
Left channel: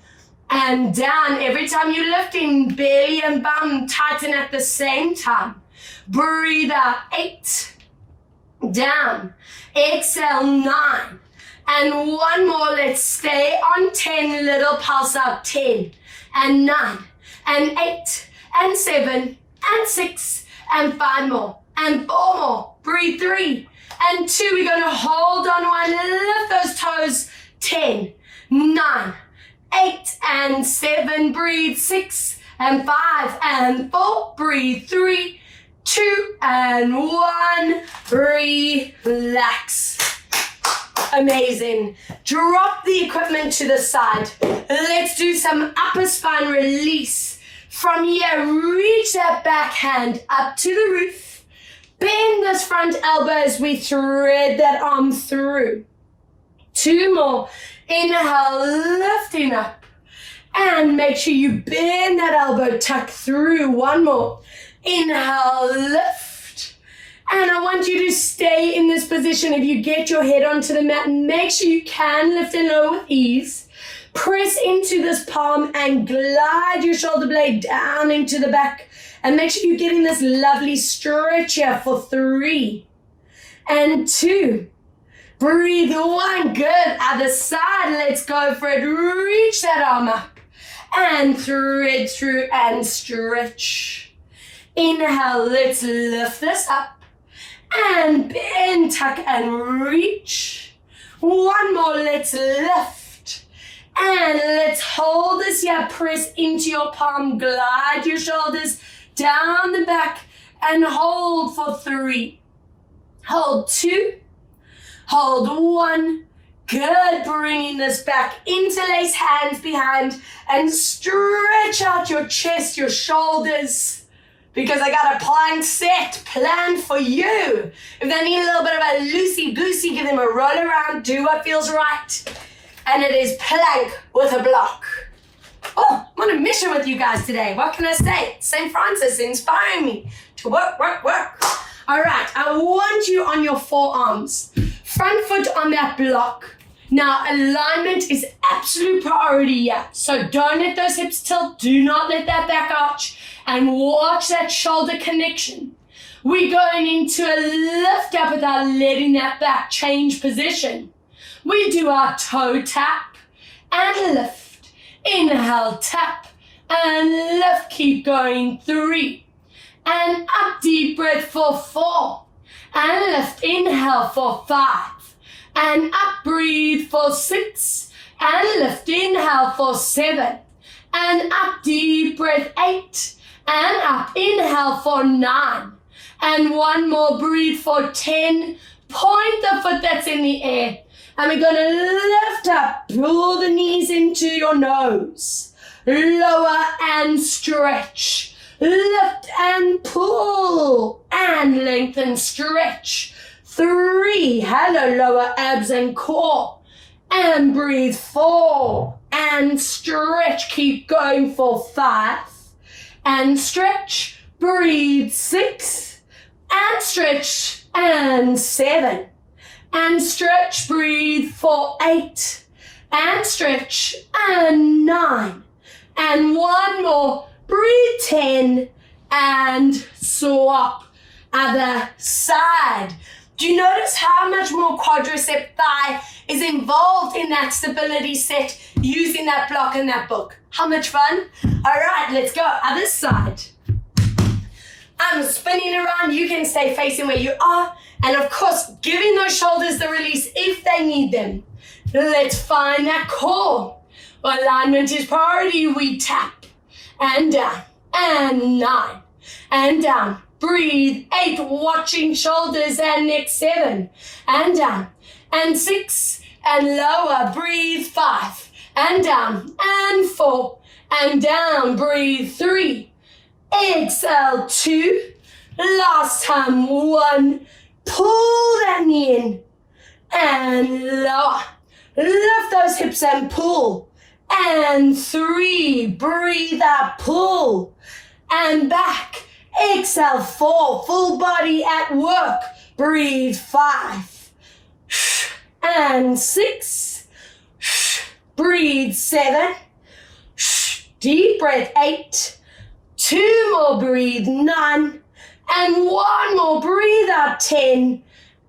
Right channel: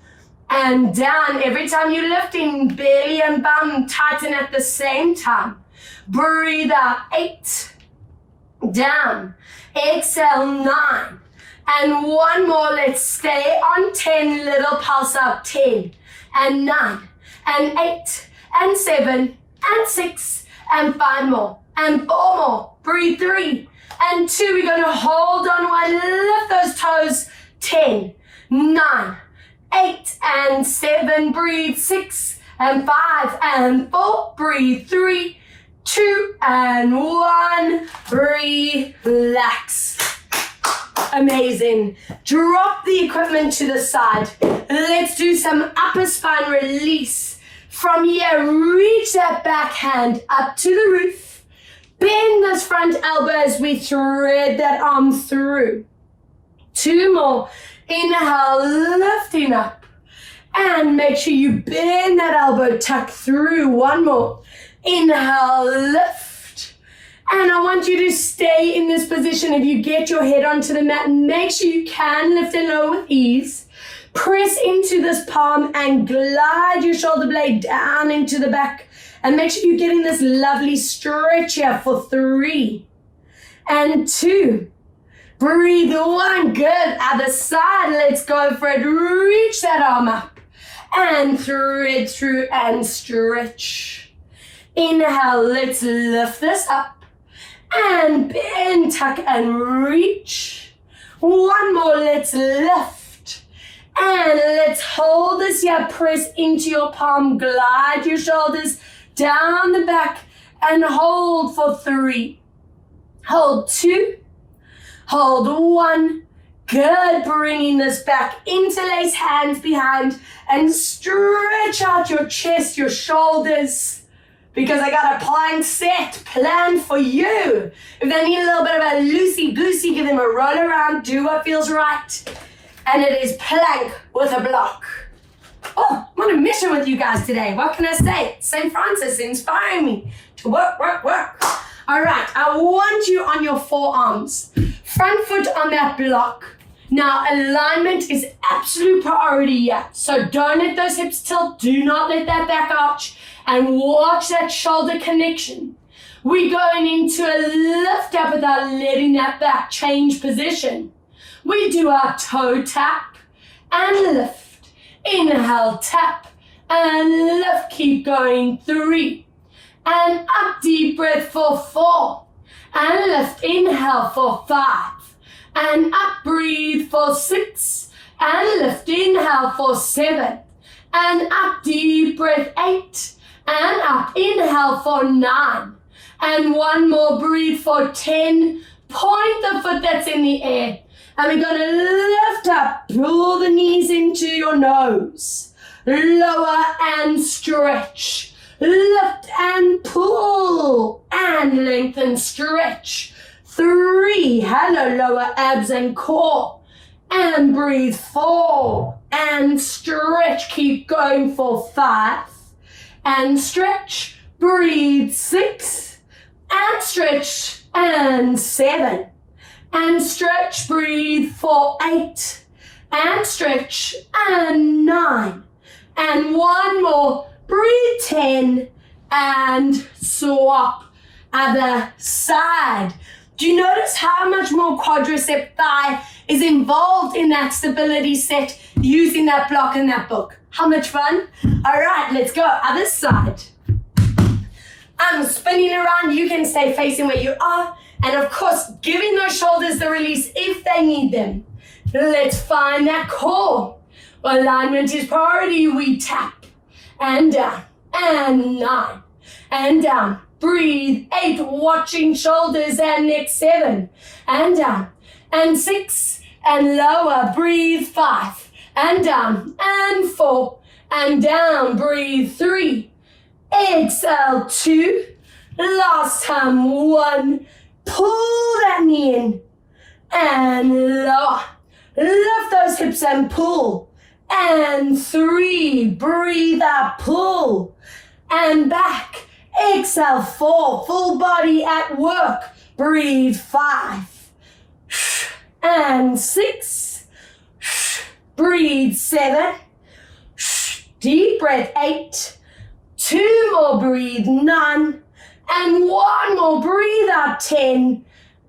and down. Every time you're lifting, belly and bum tighten at the same time. Breathe out. 8, down. Exhale. 9. And 1 more. Let's stay on 10. Little pulse up. 10 and 9 and 8 and 7 and 6 and 5 more and 4 more. Breathe. 3 and 2. We're going to hold on 1. Lift those toes. 10, 9, 8 and 7. Breathe. 6 and 5 and 4. Breathe. 3, 2 and 1. Relax. Amazing. Drop the equipment to the side. Let's do some upper spine release. From here, reach that back hand up to the roof. Bend those front elbows. We thread that arm through. 2 more. Inhale, lifting up. And make sure you bend that elbow, tuck through. 1 more. Inhale, lift. And I want you to stay in this position. If you get your head onto the mat, make sure you can lift and lower with ease. Press into this palm and glide your shoulder blade down into the back. And make sure you're getting this lovely stretch here for 3 and 2. Breathe. 1. Good. Other side. Let's go for it. Reach that arm up and thread through and stretch. Inhale. Let's lift this up and bend, tuck, and reach. 1 more. Let's lift and let's hold this here. Press into your palm. Glide your shoulders down the back and hold for 3. Hold 2. Hold 1. Good. Bringing this back. Interlace hands behind and stretch out your chest, your shoulders, because I got a plank set planned for you. If they need a little bit of a loosey-goosey, give them a roll around, do what feels right. And it is plank with a block. Oh, I'm on a mission with you guys today. What can I say? St. Francis inspiring me to work, work, work. All right, I want you on your forearms. Front foot on that block. Now, alignment is absolute priority here. So don't let those hips tilt. Do not let that back arch. And watch that shoulder connection. We're going into a lift up without letting that back change position. We do our toe tap and lift. Inhale, tap and lift. Keep going. 3. And up, deep breath for 4. And lift. Inhale for 5. And up, breathe for 6. and lift. Inhale for 7, and up, deep breath, 8, and up. Inhale for 9, and one more, breathe for 10. Point the foot that's in the air, and we're going to lift up, pull the knees into your nose, lower and stretch, lift and pull, and lengthen, stretch. 3, hello, lower abs and core, and breathe. 4, and stretch, keep going for 5, and stretch, breathe. 6, and stretch, and 7, and stretch, breathe for 8, and stretch, and 9, and one more, breathe, 10, and swap. Other side. Do you notice how much more quadricep thigh is involved in that stability set using that block in that book? How much fun? All right, let's go. Other side. I'm spinning around. You can stay facing where you are. And of course, giving those shoulders the release if they need them. Let's find that core. Alignment is priority. We tap and down, and 9, and down. Breathe. 8, watching shoulders and neck. 7, and down, and 6, and lower. Breathe. 5, and down, and 4, and down. Breathe. 3, exhale. 2, last time. 1, pull that knee in, and lower. Lift those hips and pull, and 3, breathe out, pull, and back. Exhale. 4, full body at work. Breathe. 5, and 6, breathe. 7, deep breath. 8, 2 more, breathe. 9, and one more, breathe out. 10,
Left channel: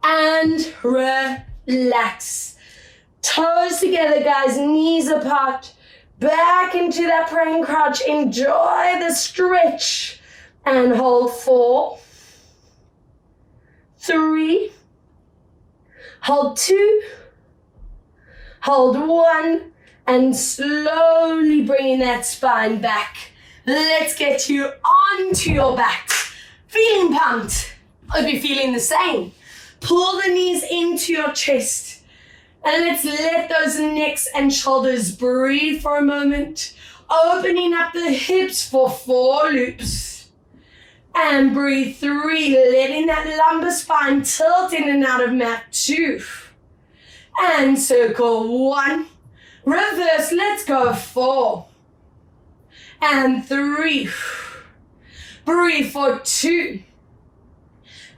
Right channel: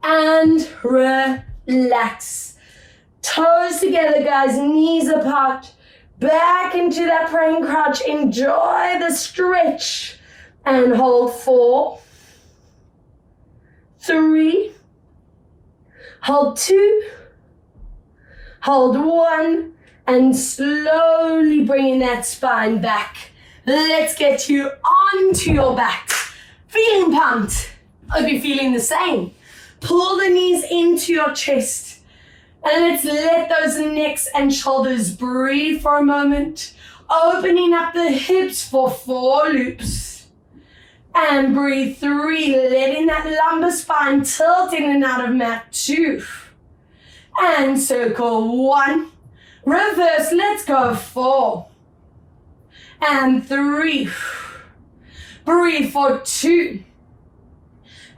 and relax. Toes together, guys, knees apart. Back into that praying crouch. Enjoy the stretch. And hold. 4, 3, hold. 2, hold. 1, and slowly bringing that spine back. Let's get you onto your back. Feeling pumped? Hope you're feeling the same. Pull the knees into your chest. And let's let those necks and shoulders breathe for a moment. Opening up the hips for 4 loops. And breathe. 3, letting that lumbar spine tilt in and out of mat. 2, and circle. 1, reverse, let's go. 4, and 3, breathe for 2,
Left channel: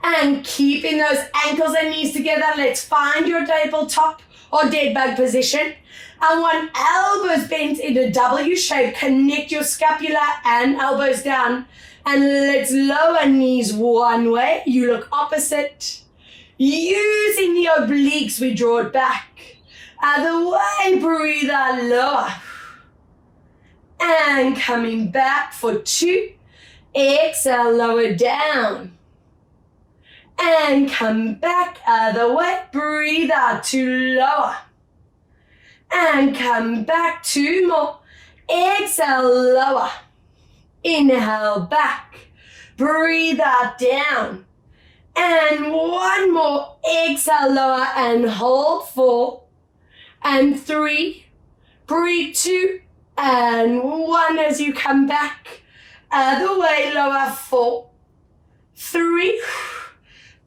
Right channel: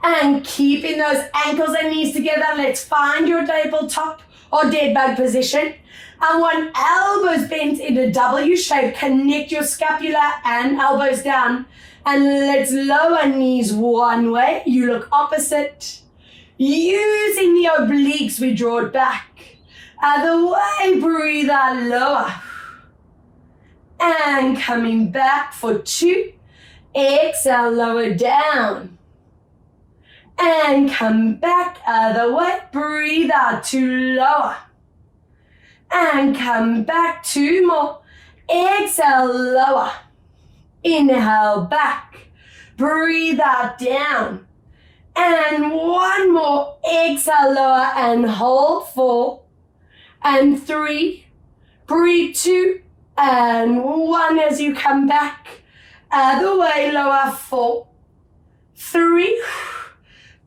and keeping those ankles and knees together. Let's find your tabletop or dead bug position. I want elbows bent in a W shape. Connect your scapula and elbows down. And let's lower knees one way. You look opposite. Using the obliques, we draw it back. Other way, breathe out, lower. And coming back for 2. Exhale, lower down. And come back, other way. Breathe out to lower. And come back, 2 more. Exhale, lower. Inhale, back. Breathe out, down. And 1 more. Exhale, lower and hold. 4 and 3. Breathe. 2 and 1 as you come back. Other way, lower. 4, 3,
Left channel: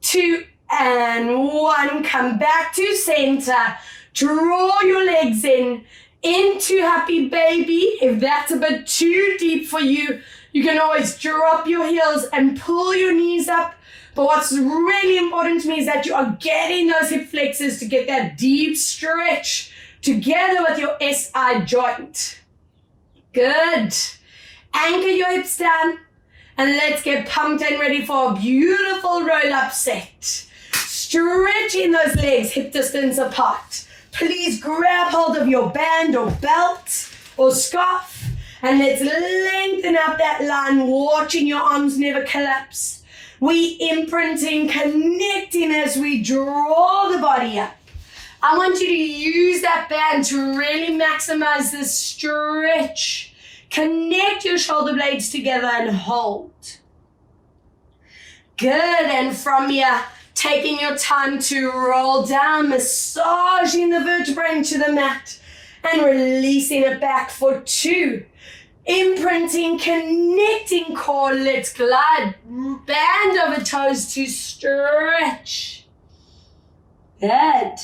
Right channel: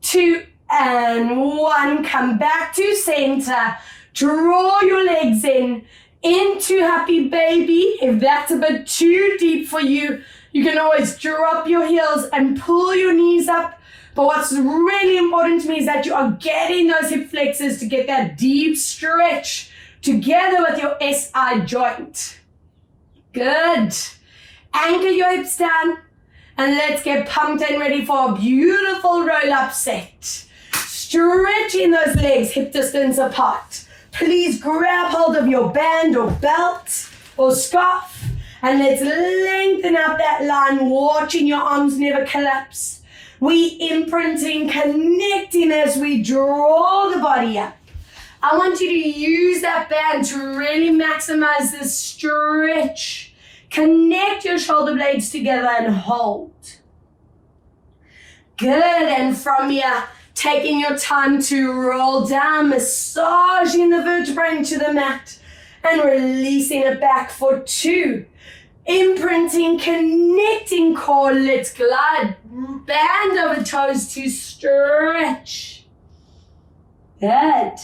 2 and 1. Come back to center. Draw your legs in into happy baby. If that's a bit too deep for you, you can always drop your heels and pull your knees up. But what's really important to me is that you are getting those hip flexors to get that deep stretch together with your SI joint. Good. Anchor your hips down and let's get pumped and ready for a beautiful roll-up set. Stretching those legs hip distance apart. Please grab hold of your band or belt or scarf and let's lengthen out that line, watching your arms never collapse. We imprinting, connecting as we draw the body up. I want you to use that band to really maximize this stretch. Connect your shoulder blades together and hold. Good, and from here, taking your time to roll down, massaging the vertebrae into the mat and releasing it back for 2. Imprinting, connecting core, let's glide. Band over toes to stretch. Good.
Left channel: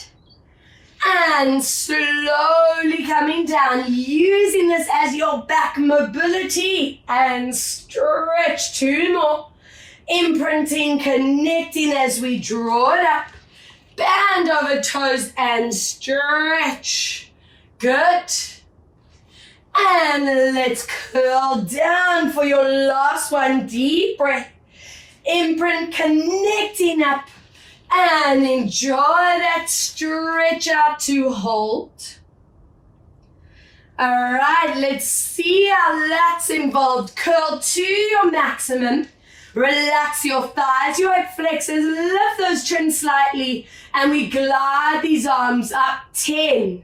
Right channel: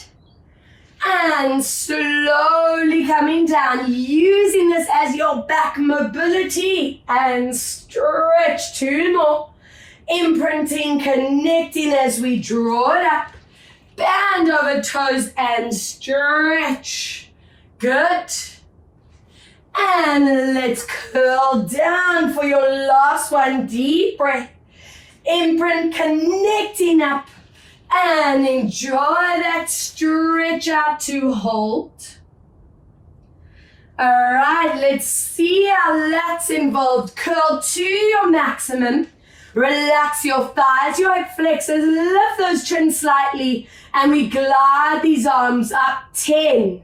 And slowly coming down, using this as your back mobility and stretch. 2 more. Imprinting, connecting as we draw it up. Band over toes and stretch. Good. And let's curl down for your last one. Deep breath. Imprint, connecting up. And enjoy that stretch out to hold. All right, let's see how that's involved. Curl to your maximum. Relax your thighs, your hip flexors. Lift those chins slightly. And we glide these arms up. 10.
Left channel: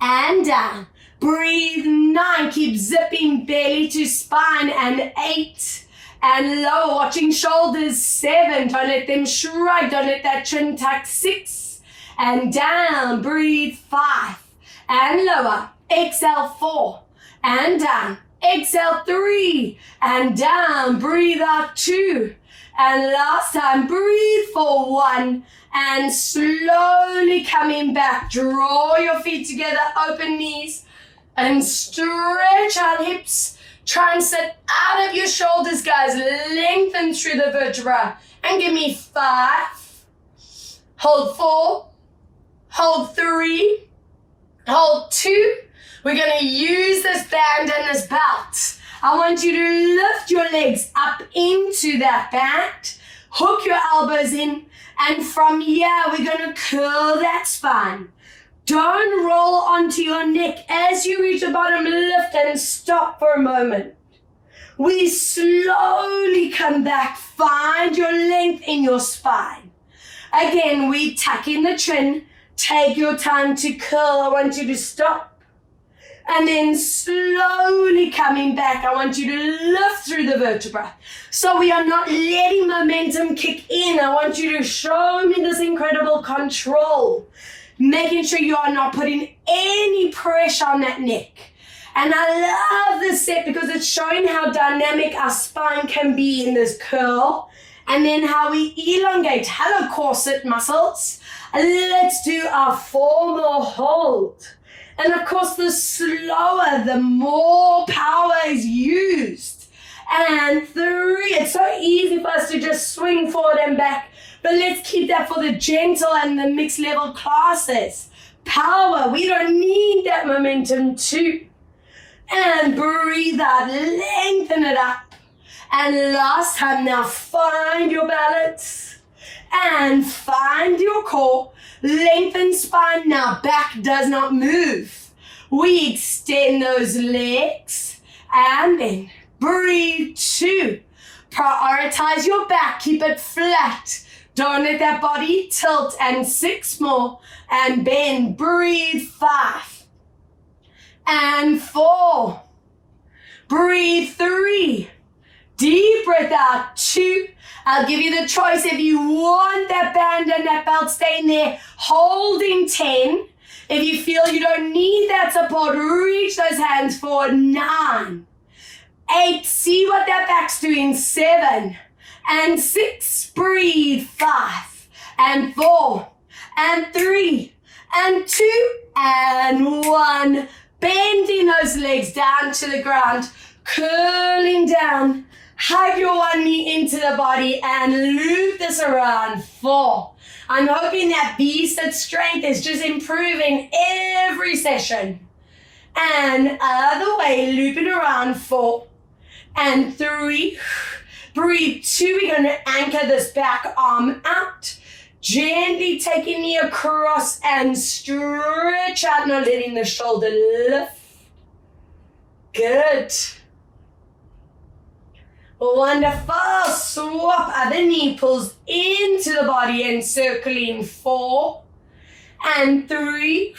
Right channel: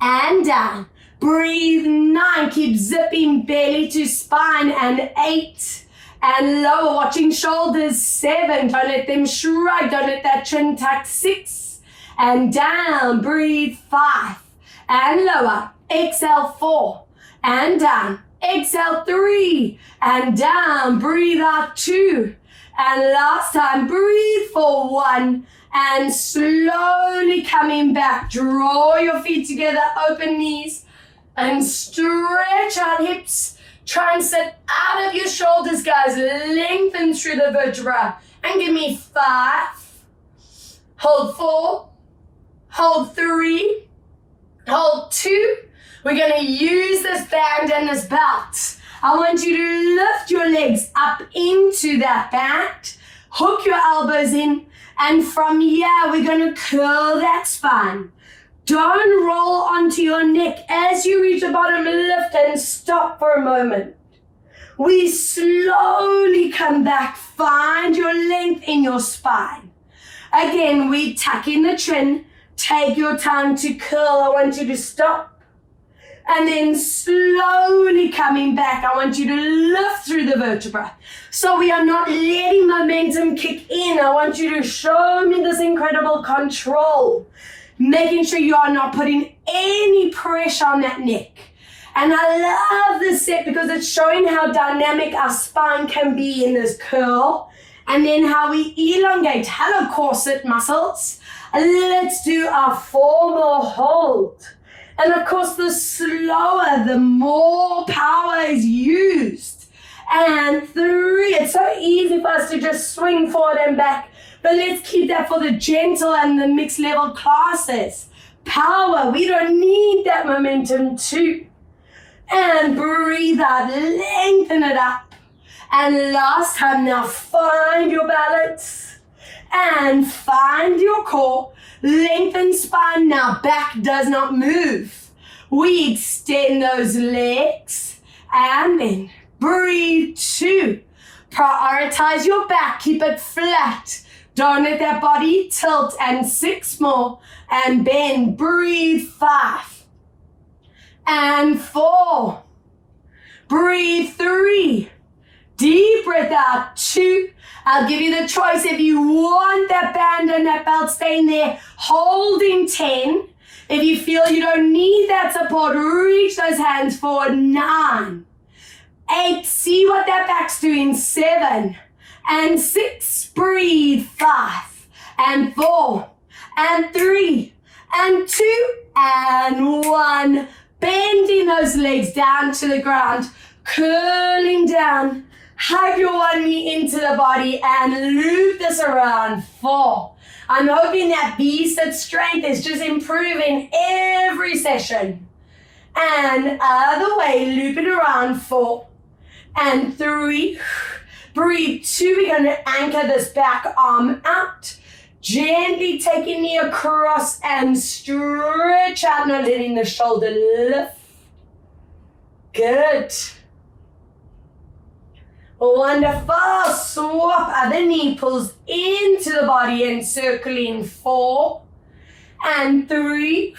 And down. Breathe. 9. Keep zipping belly to spine. And 8. And lower, watching shoulders. 7. Don't let them shrug. Don't let that chin tuck. 6. And down. Breathe. 5. And lower. Exhale. 4. And down. Exhale. 3. And down. Breathe out. 2. And last time. Breathe for 1. And slowly coming back. Draw your feet together. Open knees. And stretch out hips. Try and sit out of your shoulders, guys. Lengthen through the vertebra. And give me 5. Hold 4. Hold 3. Hold 2. We're going to use this band and this belt. I want you to lift your legs up into that band. Hook your elbows in. And from here, we're going to curl that spine. Don't roll onto your neck. As you reach the bottom, lift and stop for a moment. We slowly come back. Find your length in your spine. Again, we tuck in the chin. Take your time to curl. I want you to stop. And then slowly coming back, I want you to lift through the vertebra. So we are not letting momentum kick in. I want you to show me this incredible control. Making sure you are not putting any pressure on that neck. And I love this set because it's showing how dynamic our spine can be in this curl. And then how we elongate. Hello, corset muscles. Let's do our 4 more hold. And of course, the slower, the more power is used. And 3, it's so easy for us to just swing forward and back. But let's keep that for the gentle and the mixed level classes. Power, we don't need that momentum too. And breathe out, lengthen it up. And last time, now find your balance. And find your core. Lengthen spine, now back does not move. We extend those legs. And then breathe 2. Prioritize your back, keep it flat. Don't let that body tilt. And 6 more. And bend. Breathe. 5. And 4. Breathe. 3. Deep breath out. 2. I'll give you the choice if you want that band and that belt staying there. Holding 10. If you feel you don't need that support, reach those hands forward. 9. 8. See what that back's doing. 7. And 6, breathe. 5, and 4, and 3, and 2, and 1. Bending those legs down to the ground, curling down. Hug your one knee into the body and loop this around. 4. I'm hoping that V-sit strength is just improving every session. And other way, loop it around. 4, and 3. Breathe. 2, we're going to anchor this back arm out. Gently take your knee across and stretch out, not letting the shoulder lift. Good. Wonderful. Swap other knee pulls into the body and circling 4. and 3.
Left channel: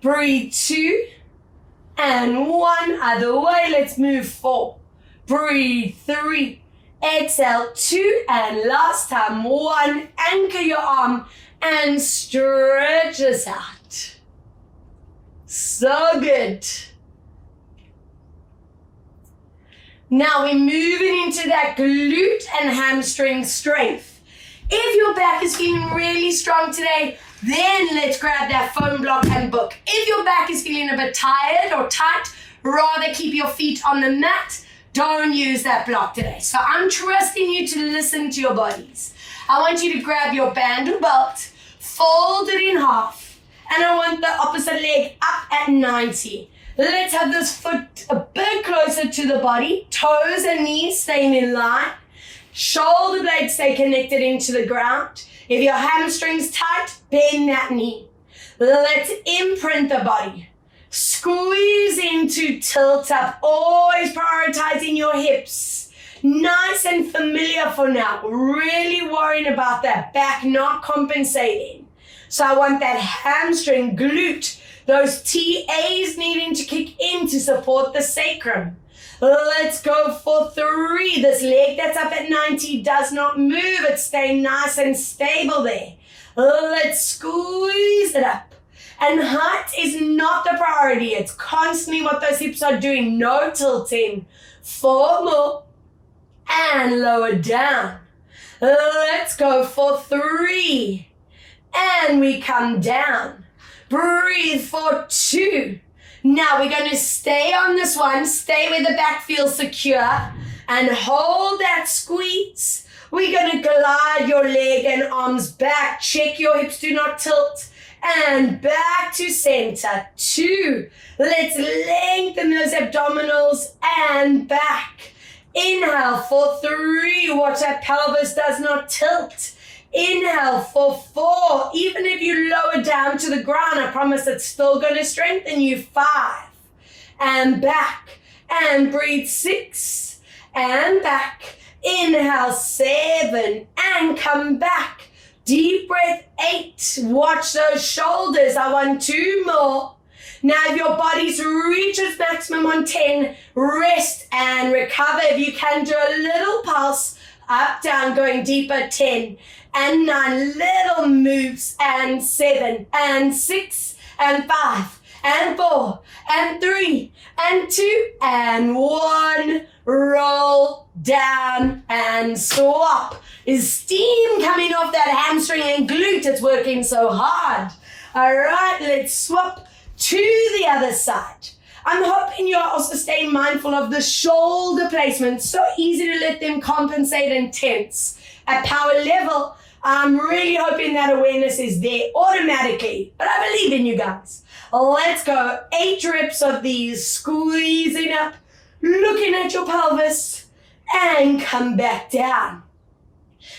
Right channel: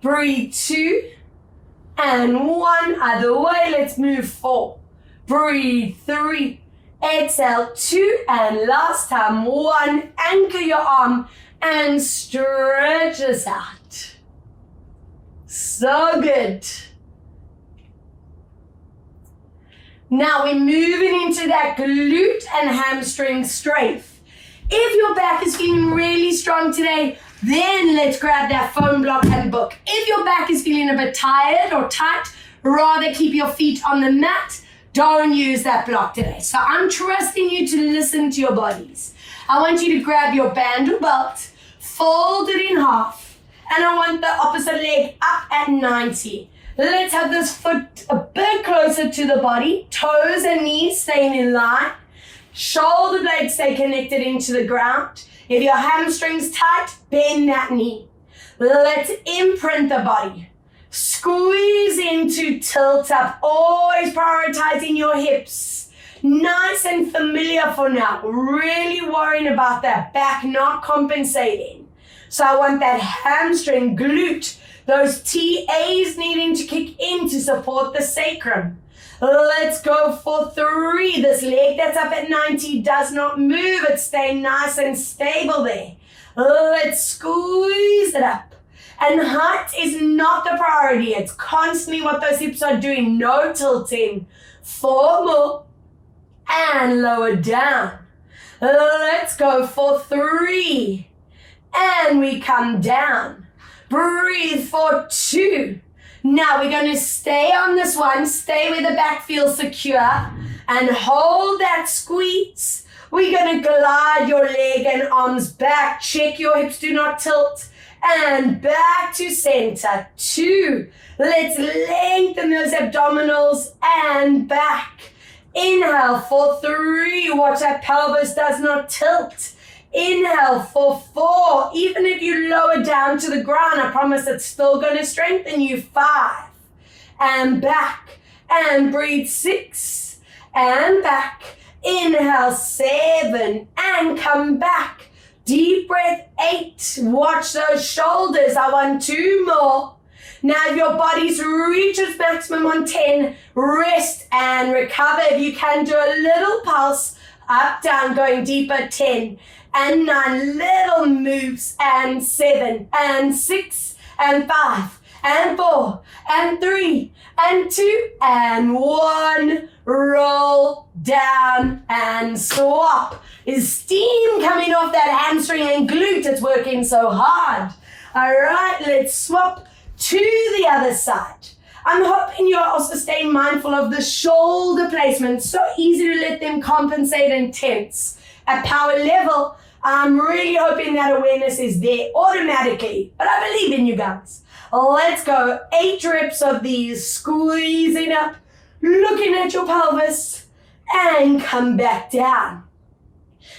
Breathe 2 and 1. Other way, let's move 4. Breathe 3. Exhale 2 and last time 1. Anchor your arm and stretch this out. So good. Now we're moving into that glute and hamstring strength. If your back is feeling really strong today, then let's grab that foam block and book. If your back is feeling a bit tired or tight, rather keep your feet on the mat. Don't use that block today. So I'm trusting you to listen to your bodies. I want you to grab your band or belt, fold it in half, and I want the opposite leg up at 90. Let's have this foot a bit closer to the body, toes and knees staying in line, shoulder blades stay connected into the ground. If your hamstring's tight, bend that knee. Let's imprint the body. Squeeze into tilt up, always prioritizing your hips. Nice and familiar for now, really worrying about that back not compensating. So I want that hamstring, glute, those TAs needing to kick in to support the sacrum. Let's go for 3. This leg that's up at 90 does not move. It's staying nice and stable there. Let's squeeze it up. And height is not the priority. It's constantly what those hips are doing. No tilting. 4 more. And lower down. Let's go for 3. And we come down. Breathe for 2. Now we're going to stay on this one. Stay where the back feels secure. And hold that squeeze. We're going to glide your leg and arms back. Check your hips do not tilt. And back to center. 2. Let's lengthen those abdominals and back. Inhale for 3. Watch that pelvis does not tilt. Inhale for 4. Even if you lower down to the ground, I promise it's still going to strengthen you. 5. And back. And breathe 6. And back. Inhale 7. And come back. Deep breath 8. Watch those shoulders. I want 2 more. Now if your body's reached its maximum on 10, rest and recover. If you can, do a little pulse, up, down, going deeper, 10 and 9, little moves, and 7 and 6 and 5 and 4 and 3 and 2 and 1. Roll down and swap. Is steam coming off that hamstring and glute? It's working so hard. All right, let's swap to the other side. I'm hoping you're also staying mindful of the shoulder placement. So easy to let them compensate and tense. At power level, I'm really hoping that awareness is there automatically. But I believe in you guys. Let's go. 8 reps of these. Squeezing up, looking at your pelvis, and come back down.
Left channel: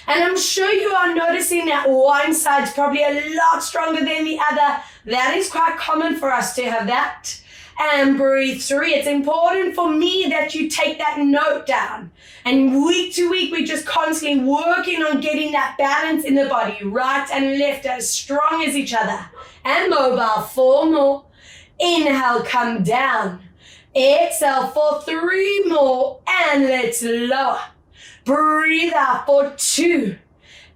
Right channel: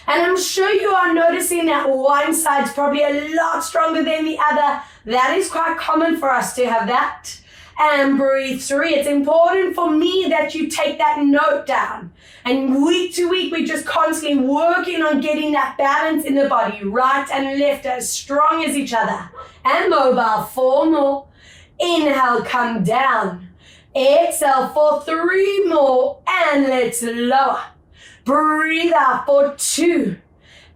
And I'm sure you are noticing that one side's probably a lot stronger than the other. That is quite common for us to have that. And breathe 3. It's important for me that you take that note down. And week to week, we're just constantly working on getting that balance in the body, right and left, as strong as each other. And mobile. 4 more. Inhale, come down. Exhale for 3 more. And let's lower. Breathe out for 2.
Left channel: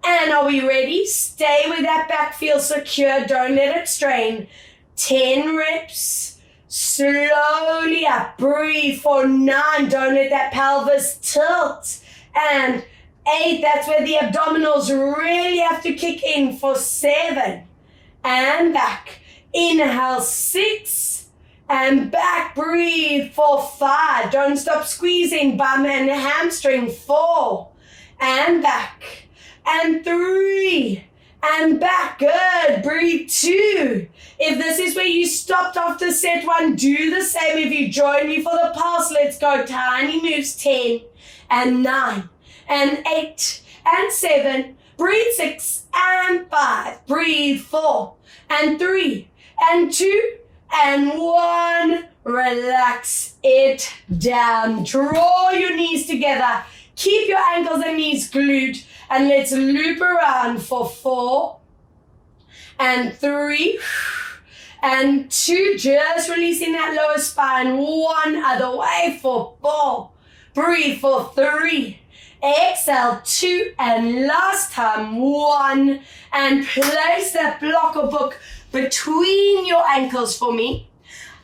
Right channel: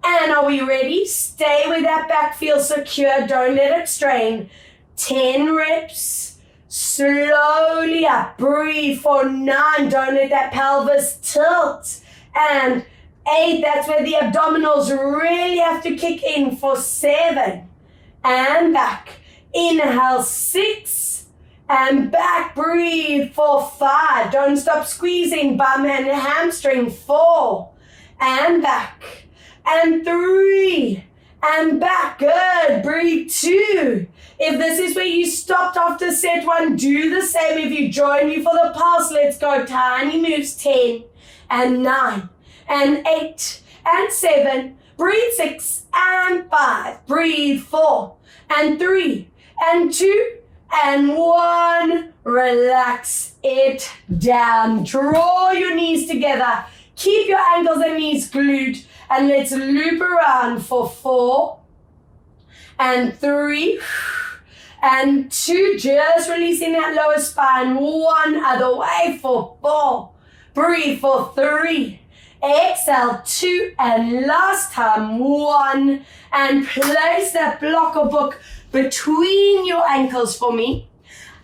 And are we ready? Stay with that back, feel secure. Don't let it strain. 10 reps. Slowly up. Breathe for 9. Don't let that pelvis tilt. And 8. That's where the abdominals really have to kick in for 7. And back. Inhale 6. And back. Breathe for 5. Don't stop squeezing bum and hamstring. 4. And back. And 3. And back. Good. Breathe 2. If this is where you stopped after set 1, do the same. If you join me for the pulse, let's go. Tiny moves. 10 and 9 and 8 and 7. Breathe 6 and 5. Breathe 4 and 3 and 2 and 1. Relax it down. Draw your knees together. Keep your ankles and knees glued. And let's loop around for 4 And 3, and 2, just releasing that lower spine, 1, other way for 4, breathe for 3, exhale 2, and last time 1, and place that block or book between your ankles for me.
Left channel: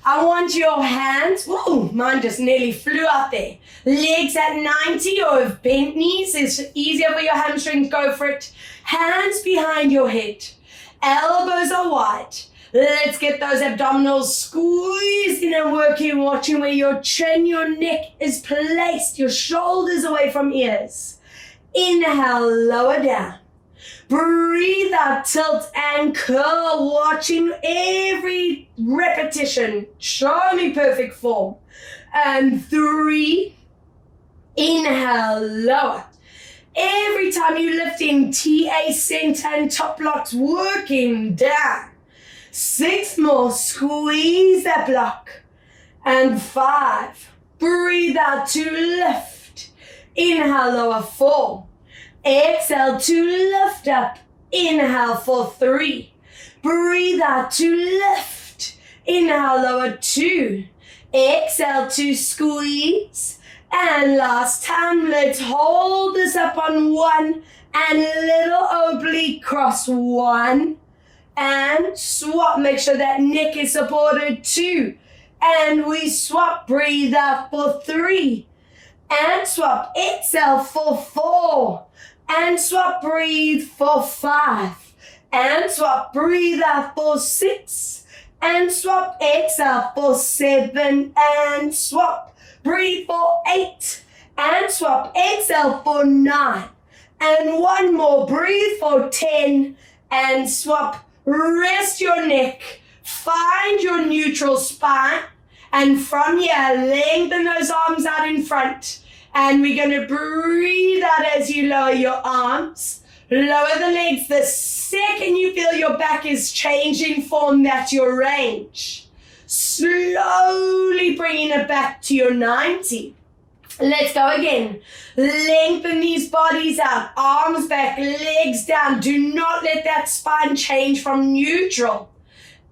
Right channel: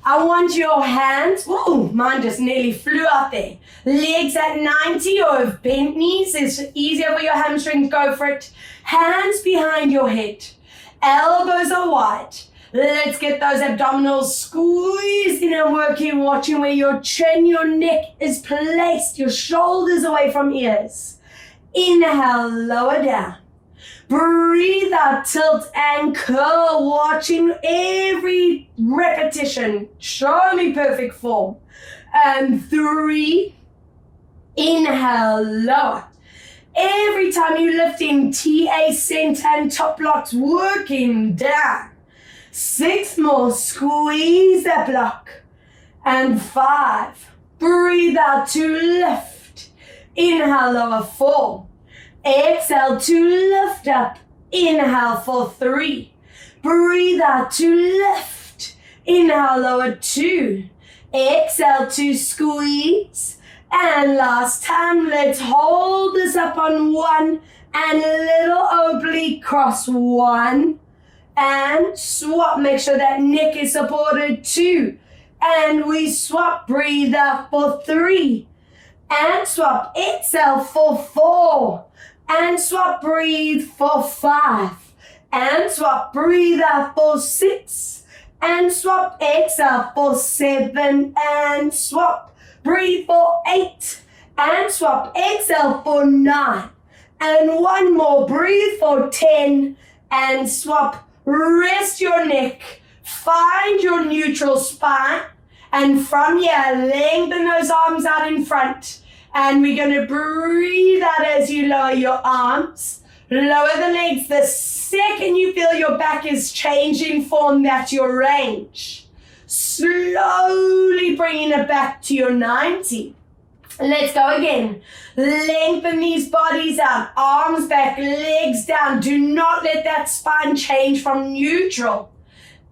I want your hands, ooh, mine just nearly flew up there. Legs at 90, or if bent knees is easier for your hamstrings, go for it. Hands behind your head, elbows are wide. Let's get those abdominals squeezing and working, watching where your chin, your neck is placed, your shoulders away from ears. Inhale, lower down. Breathe out, tilt and curl, watching every repetition. Show me perfect form. And 3, inhale, lower. Every time you lift in, TA, center and top blocks working down. 6 more, squeeze that block. And 5, breathe out to lift. Inhale, lower, 4. Exhale to lift up. Inhale for 3. Breathe out to lift. Inhale, lower, 2. Exhale to squeeze. And last time, let's hold this up on 1 and a little oblique cross. 1 and swap. Make sure that neck is supported. 2 and we swap. Breathe out for 3 and swap. Exhale for 4 and swap. Breathe for 5 and swap. Breathe out for 6 and swap. Exhale for 7 and swap. Breathe for 8 and swap. Exhale for 9 and 1 more. Breathe for 10 and swap. Rest your neck. Find your neutral spine. And from here, lengthen those arms out in front. And we're going to breathe out as you lower your arms. Lower the legs. The second you feel your back is changing form, that's your range. Slowly bringing it back to your 90. Let's go again. Lengthen these bodies out. Arms back, legs down. Do not let that spine change from neutral.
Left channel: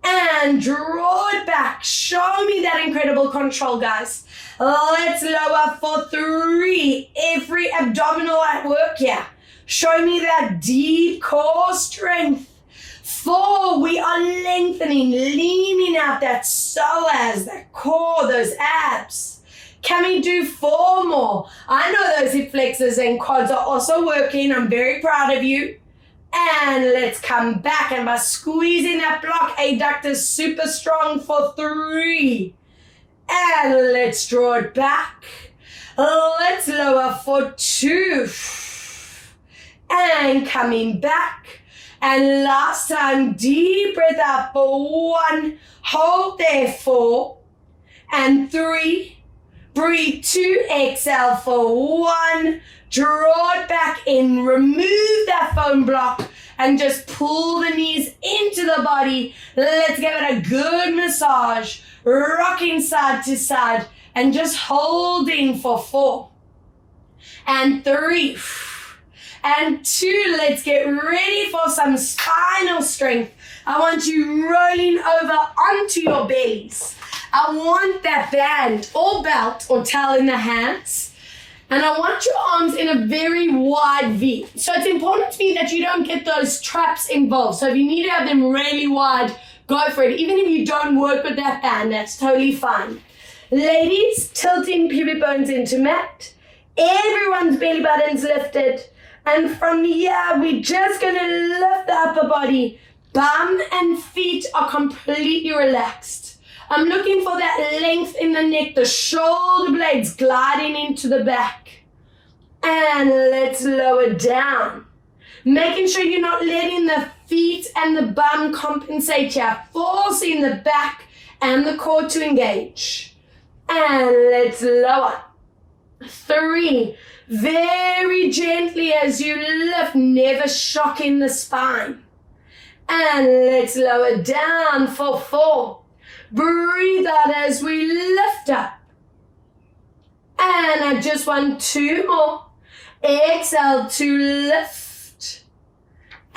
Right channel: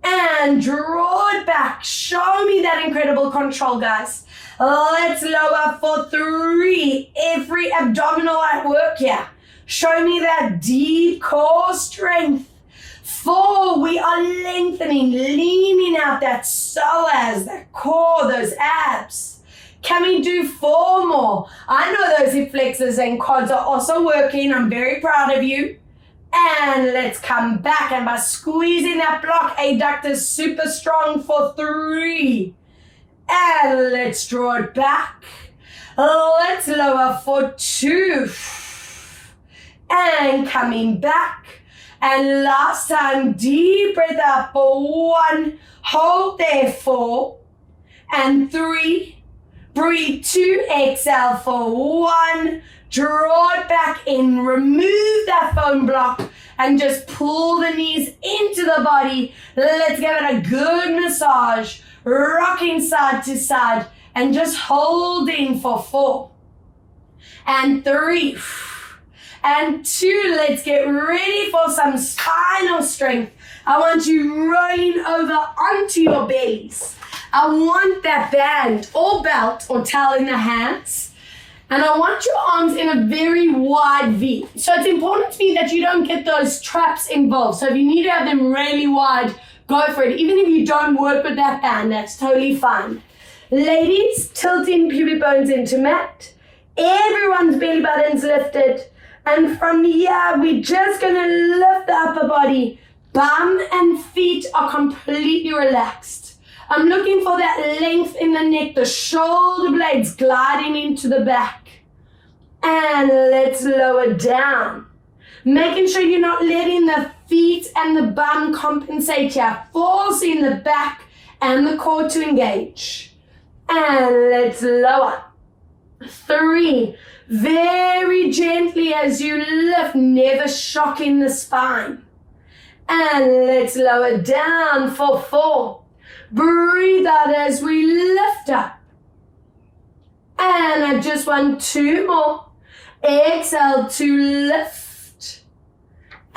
And draw it back. Show me that incredible control, guys. Let's lower for 3. Every abdominal at work here. Show me that deep core strength. 4, we are lengthening, leaning out that psoas, that core, those abs. Can we do 4 more? I know those hip flexors and quads are also working. I'm very proud of you. And let's come back, and by squeezing that block, adductors super strong for 3. And let's draw it back. Let's lower for 2. And coming back. And last time, deep breath out for 1. Hold there 4. And 3. Breathe 2. Exhale for 1. Draw it back in. Remove that foam block. And just pull the knees into the body. Let's give it a good massage. Rocking side to side. And just holding for 4. And 3. And 2, let's get ready for some spinal strength. I want you rolling over onto your bellies. I want that band or belt or towel in the hands. And I want your arms in a very wide V. So it's important to me that you don't get those traps involved. So if you need to have them really wide, go for it. Even if you don't work with that band, that's totally fine. Ladies, tilting pubic bones into mat. Everyone's belly button's lifted. And from here, we're just going to lift the upper body. Bum and feet are completely relaxed. I'm looking for that length in the neck, the shoulder blades gliding into the back. And let's lower down. Making sure you're not letting the feet and the bum compensate here. Forcing the back and the core to engage. And let's lower. 3. Very gently as you lift, never shocking the spine. And let's lower down for 4. Breathe out as we lift up. And I just want 2 more. Exhale to lift.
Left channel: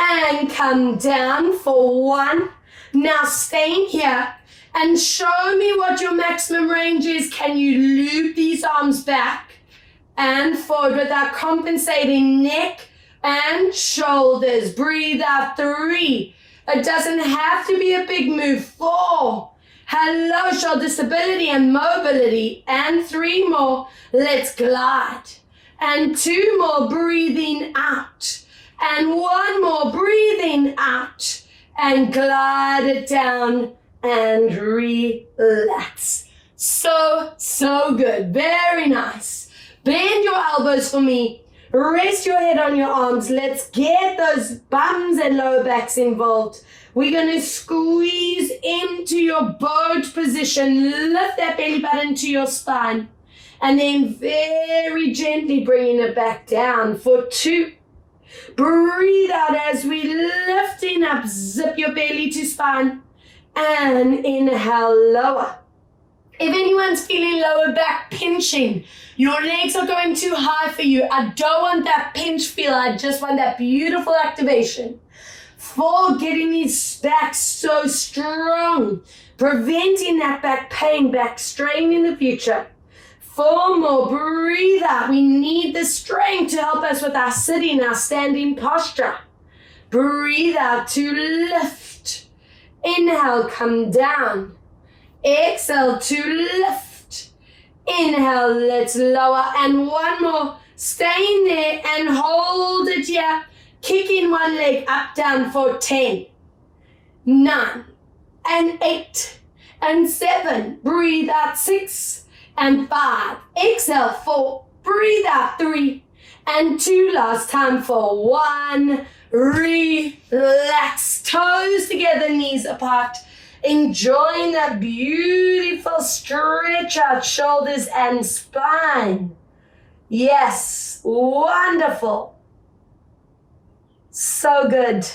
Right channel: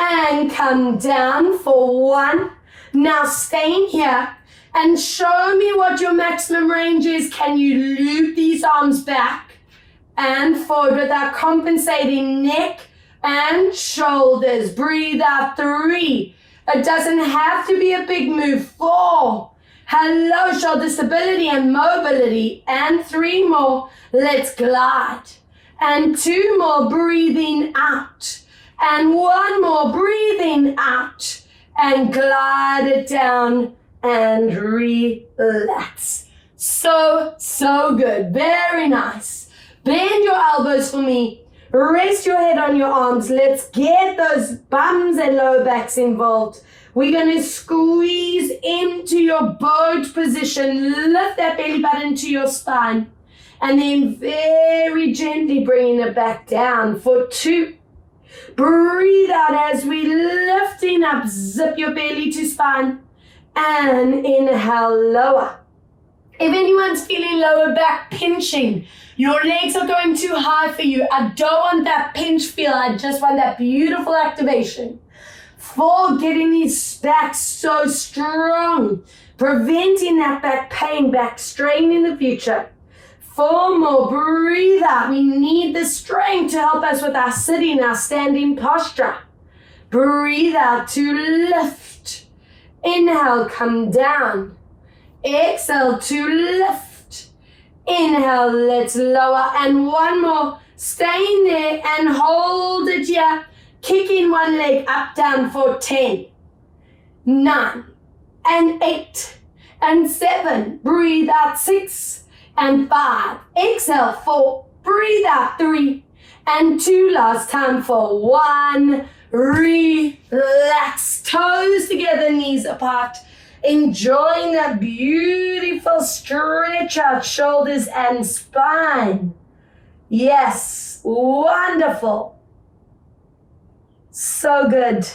and come down for 1. Now staying here and show me what your maximum range is. Can you loop these arms back and forward without compensating neck and shoulders? Breathe out. 3. It doesn't have to be a big move. 4. Hello, shoulder stability and mobility. And 3 more. Let's glide. And 2 more, breathing out. And 1 more, breathing out. And glide it down and relax. So good. Very nice. Bend your elbows for me. Rest your head on your arms. Let's get those bums and lower backs involved. We're going to squeeze into your boat position. Lift that belly button to your spine. And then very gently bringing it back down for 2. Breathe out as we lifting up. Zip your belly to spine. And inhale, lower. If anyone's feeling lower back pinching, your legs are going too high for you. I don't want that pinch feel. I just want that beautiful activation. 4, getting these backs so strong, preventing that back pain, back strain in the future. 4 more, breathe out. We need the strength to help us with our sitting, our standing posture. Breathe out to lift. Inhale, come down. Exhale to lift. Inhale, let's lower. And 1 more, staying there and hold it here. Kicking 1 leg up, down for 10, 9, and 8, and 7. Breathe out, 6, and 5. Exhale, 4. Breathe out, 3, and 2. Last time for 1. Relax. Toes together, knees apart. Enjoying that beautiful stretch out, shoulders and spine. Yes, wonderful. So good.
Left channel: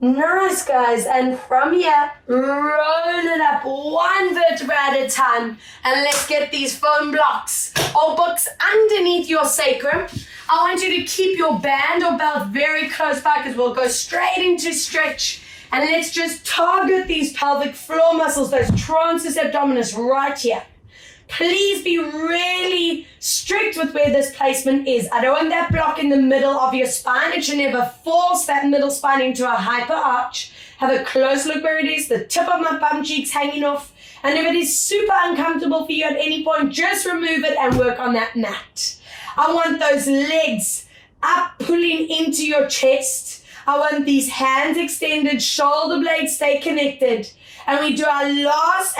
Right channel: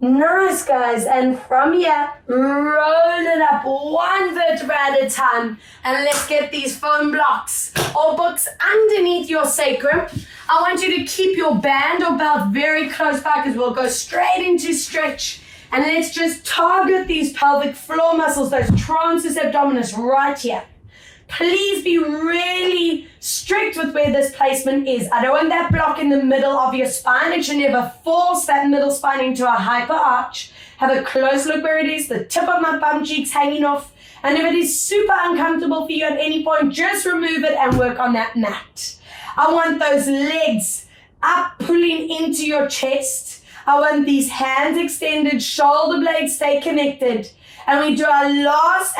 Nice, guys. And from here, roll it up 1 vertebra at a time. And let's get these foam blocks or books underneath your sacrum. I want you to keep your band or belt very close by because we'll go straight into stretch. And let's just target these pelvic floor muscles, those transverse abdominis right here. Please be really strict with where this placement is. I don't want that block in the middle of your spine. It should never force that middle spine into a hyper arch. Have a close look where it is, the tip of my bum cheeks hanging off. And if it is super uncomfortable for you at any point, just remove it and work on that mat. I want those legs up, pulling into your chest. I want these hands extended, shoulder blades stay connected. And we do our last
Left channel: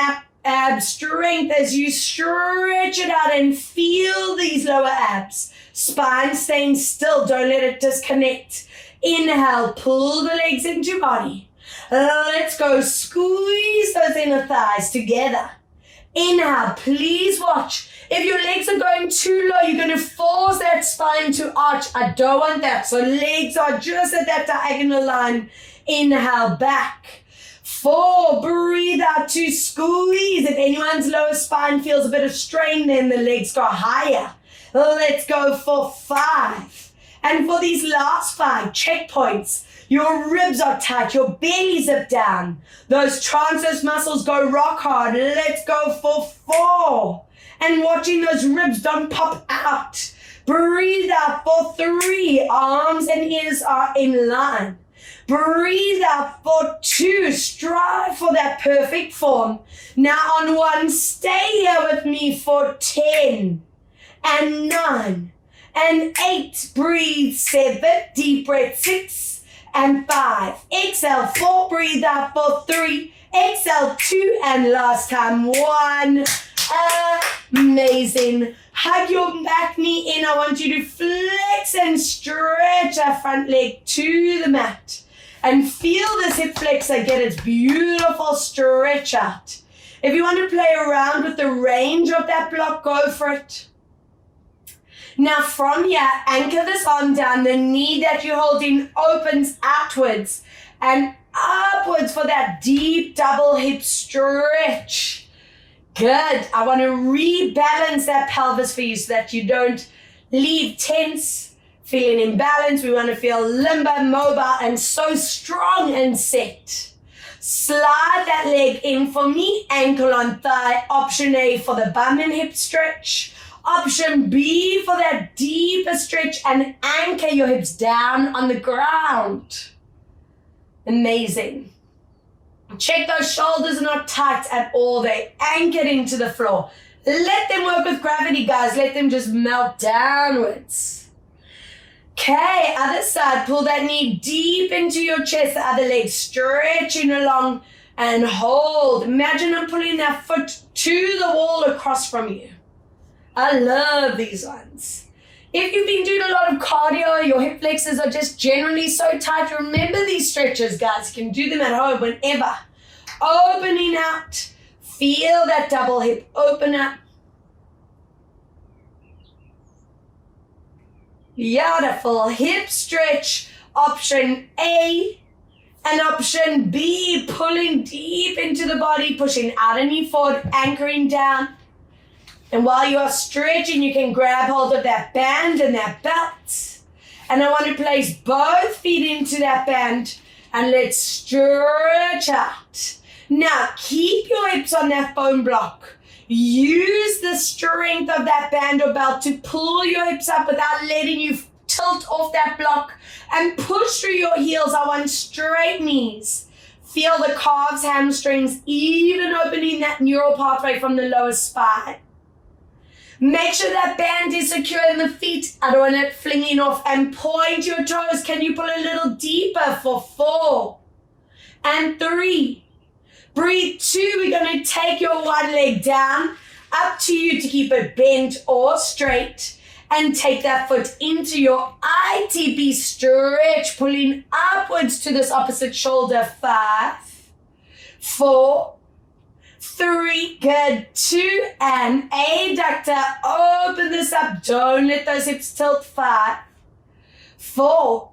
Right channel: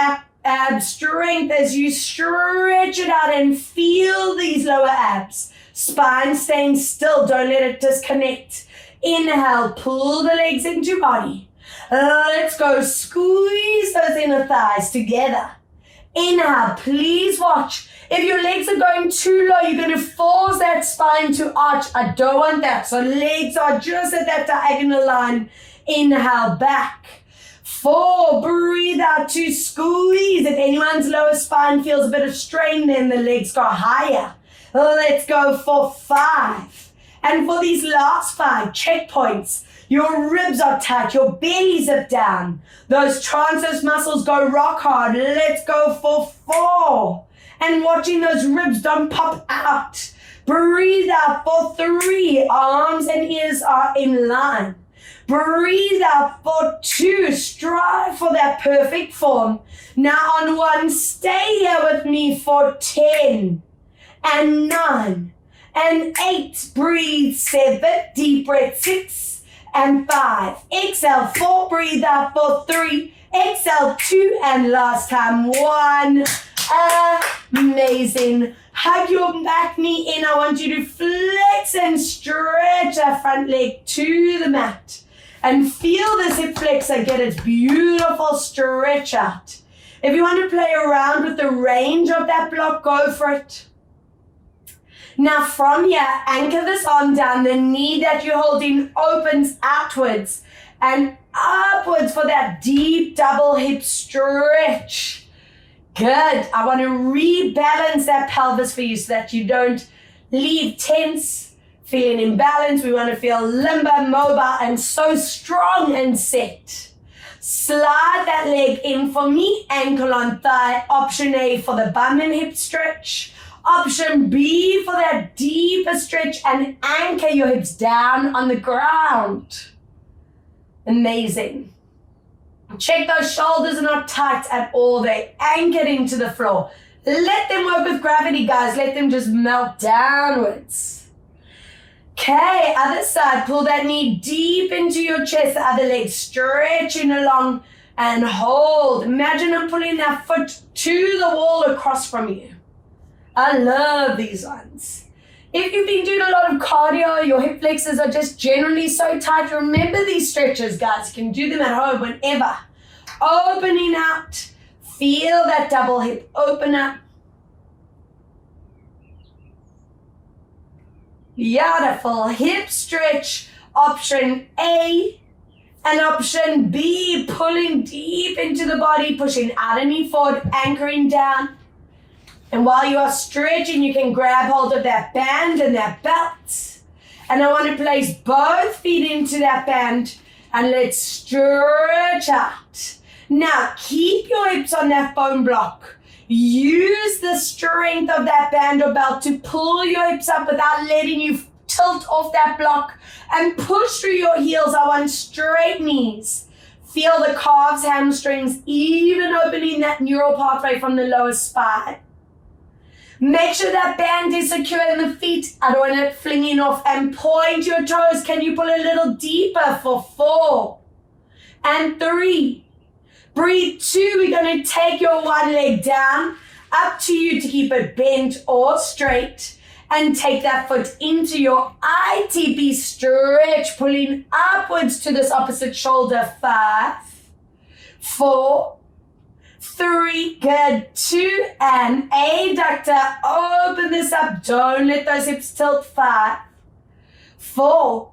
ab strength as you stretch it out and feel these lower abs. Spine staying still, don't let it disconnect. Inhale, pull the legs into body. Let's go, squeeze those inner thighs together. Inhale, please watch. If your legs are going too low, you're going to force that spine to arch. I don't want that. So legs are just at that diagonal line. Inhale, back. 4, breathe out to squeeze. If anyone's lower spine feels a bit of strain, then the legs go higher. Let's go for 5. And for these last 5 checkpoints, your ribs are tight, your belly zip down. Those transverse muscles go rock hard. Let's go for 4. And watching those ribs don't pop out. Breathe out for 3. Arms and ears are in line. Breathe out for 2. Strive for that perfect form. Now on 1, stay here with me for 10 and 9 and 8. Breathe. 7. Deep breath. 6 and 5. Exhale. 4. Breathe out for 3. Exhale. 2. And last time. 1. Amazing. Hug your back knee in. I want you to flex and stretch that front leg to the mat. And feel this hip flexor get its beautiful stretch out. If you want to play around with the range of that block, go for it. Now from here, anchor this arm down. The knee that you're holding opens outwards and upwards for that deep double hip stretch. Good. I want to rebalance that pelvis for you so that you don't leave tense. feeling imbalanced. We want to feel limber, mobile, and so strong and set. Slide that leg in for me, ankle on thigh. Option A for the bum and hip stretch. Option B for that deeper stretch, and anchor your hips down on the ground. Amazing. Check those shoulders are not tight at all. They're anchored into the floor. Let them work with gravity, guys. Let them just melt downwards. Okay, other side. Pull that knee deep into your chest. The other leg stretching along and hold. Imagine I'm pulling that foot to the wall across from you. I love these ones. If you've been doing a lot of cardio, your hip flexors are just generally so tight, remember these stretches, guys. You can do them at home whenever. Opening out. Feel that double hip open up. Beautiful. Hip stretch. Option A. And option B, pulling deep into the body, pushing out and knee forward, anchoring down. And while you are stretching, you can grab hold of that band and that belt. And I want to place both feet into that band and let's stretch out. Now, keep your hips on that foam block. Use the strength of that band or belt to pull your hips up without letting you tilt off that block and push through your heels. I want straight knees. Feel the calves, hamstrings, even opening that neural pathway from the lower spine. Make sure that band is secure in the feet. I don't want it flinging off, and point your toes. Can you pull a little deeper for 4 and 3? Breathe 2. We're going to take your one leg down. Up to you to keep it bent or straight. And take that foot into your ITP stretch, pulling upwards to this opposite shoulder. 5, 4, 3, good, 2, and adductor. Open this up. Don't let those hips tilt. 5, 4,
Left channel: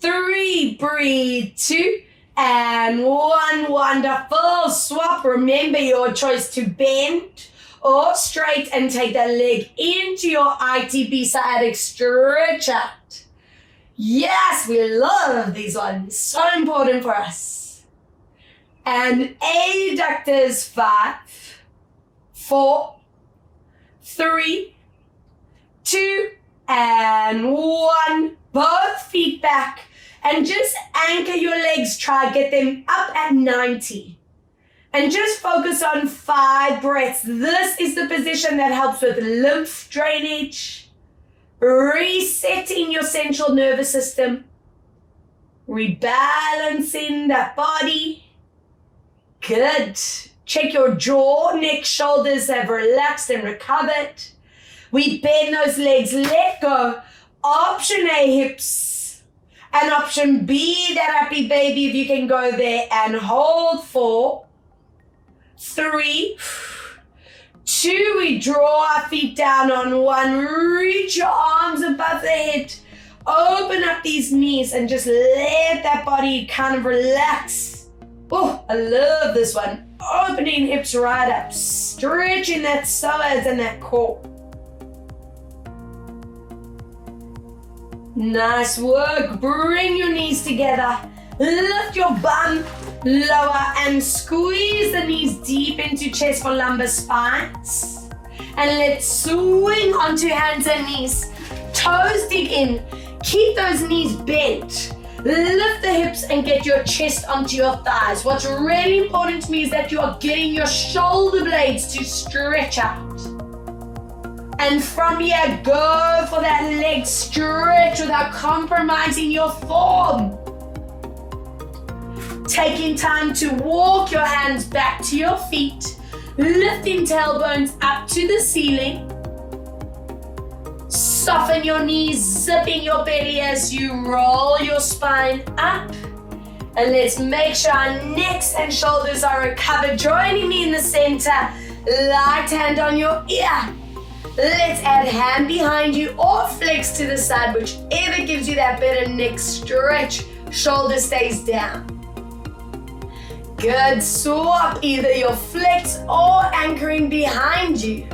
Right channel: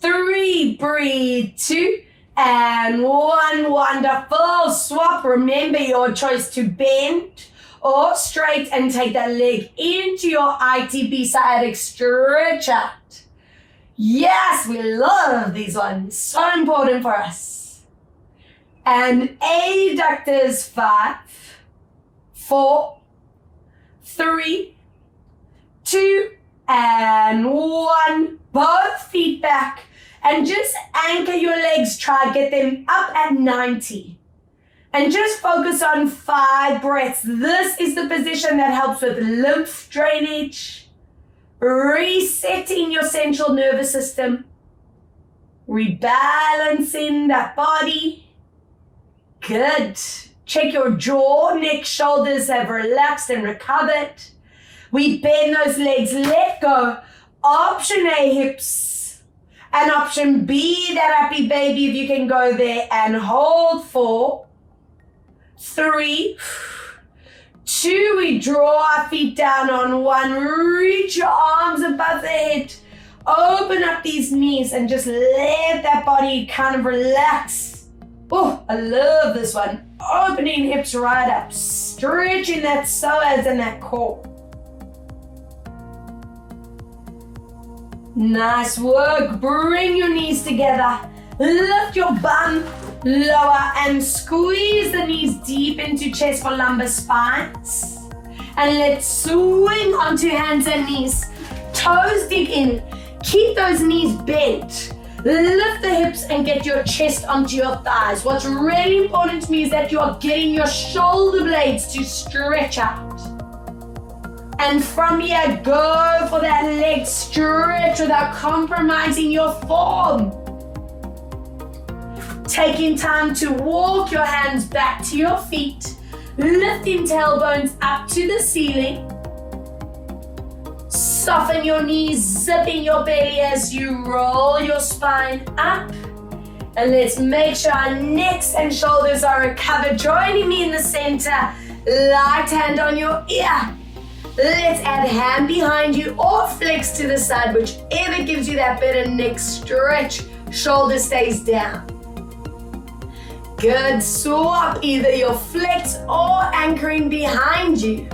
3, breathe, 2, and 1. Wonderful. Swap. Remember your choice to bend or straight and take that leg into your ITP sciatic stretch out. Yes, we love these ones. So important for us. And adductors. 5, 4, 3, 2, and 1. Both feet back. And just anchor your legs. Try get them up at 90. And just focus on 5 breaths. This is the position that helps with lymph drainage, resetting your central nervous system, rebalancing that body. Good. Check your jaw, neck, shoulders have relaxed and recovered. We bend those legs, let go. Option A, hips. And option B, that happy baby, if you can go there and hold. 4, 3, 2, we draw our feet down on 1. Reach your arms above the head. Open up these knees and just let that body kind of relax. Oh, I love this one. Opening hips right up. Stretching that psoas and that core. Nice work. Bring your knees together. Lift your bum lower and squeeze the knees deep into chest for lumbar spines. And let's swing onto hands and knees. Toes dig in. Keep those knees bent. Lift the hips and get your chest onto your thighs. What's really important to me is that you are getting your shoulder blades to stretch out. And from here, go for that leg stretch without compromising your form. Taking time to walk your hands back to your feet, lifting tailbones up to the ceiling. Soften your knees, zipping your belly as you roll your spine up. And let's make sure our necks and shoulders are recovered. Joining me in the center, light hand on your ear. Let's add hand behind you or flex to the side, whichever gives you that better neck stretch. Shoulder stays down. Good. Swap either your flex or anchoring behind you.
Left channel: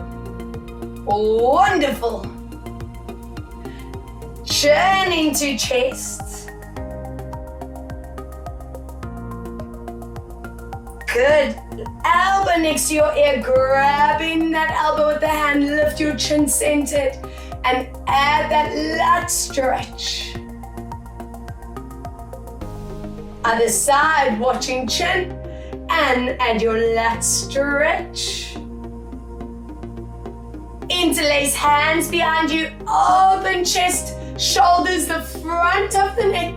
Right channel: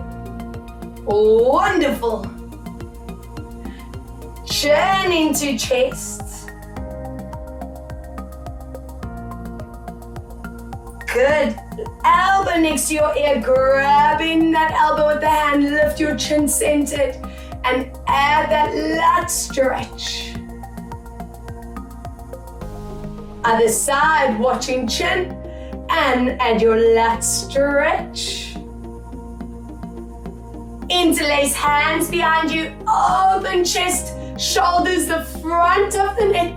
Wonderful. chin into chest. Good. Elbow next to your ear, grabbing that elbow with the hand, lift your chin centered, and add that lat stretch. Other side, watching chin, and add your lat stretch. Interlace hands behind you, open chest, shoulders the front of the neck.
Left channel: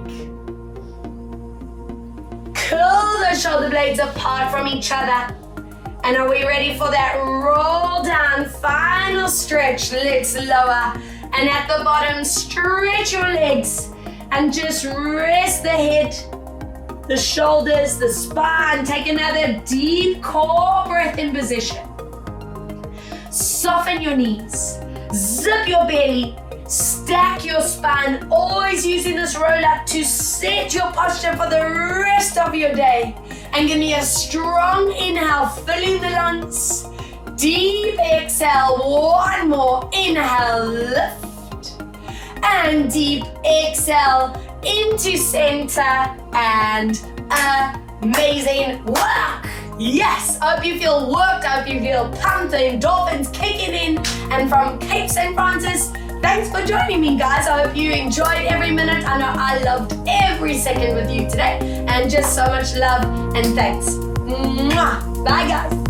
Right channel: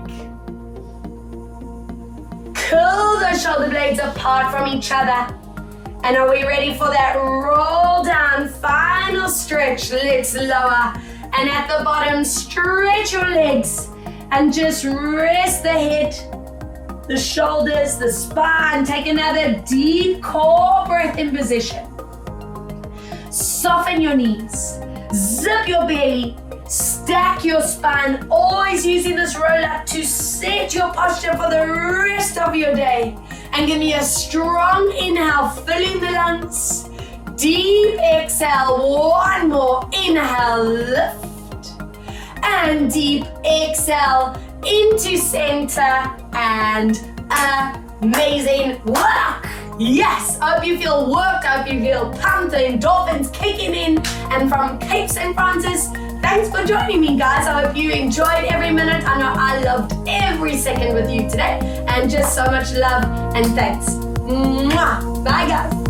Curl the shoulder blades apart from each other. And are we ready for that roll down? Final stretch. Let's lower. And at the bottom, stretch your legs. And just rest the head, the shoulders, the spine. Take another deep core breath in position. Soften your knees. Zip your belly. Stack your spine, always using this roll up to set your posture for the rest of your day. And give me a strong inhale, filling the lungs. Deep exhale, one more. Inhale, lift. And deep exhale into center, and amazing work. Yes, I hope you feel worked, I hope you feel pumped, the endorphins kicking in. And from Cape St. Francis, thanks for joining me, guys. I hope you enjoyed every minute. I know I loved every second with you today. And just so much love and thanks. Mwah. Bye, guys.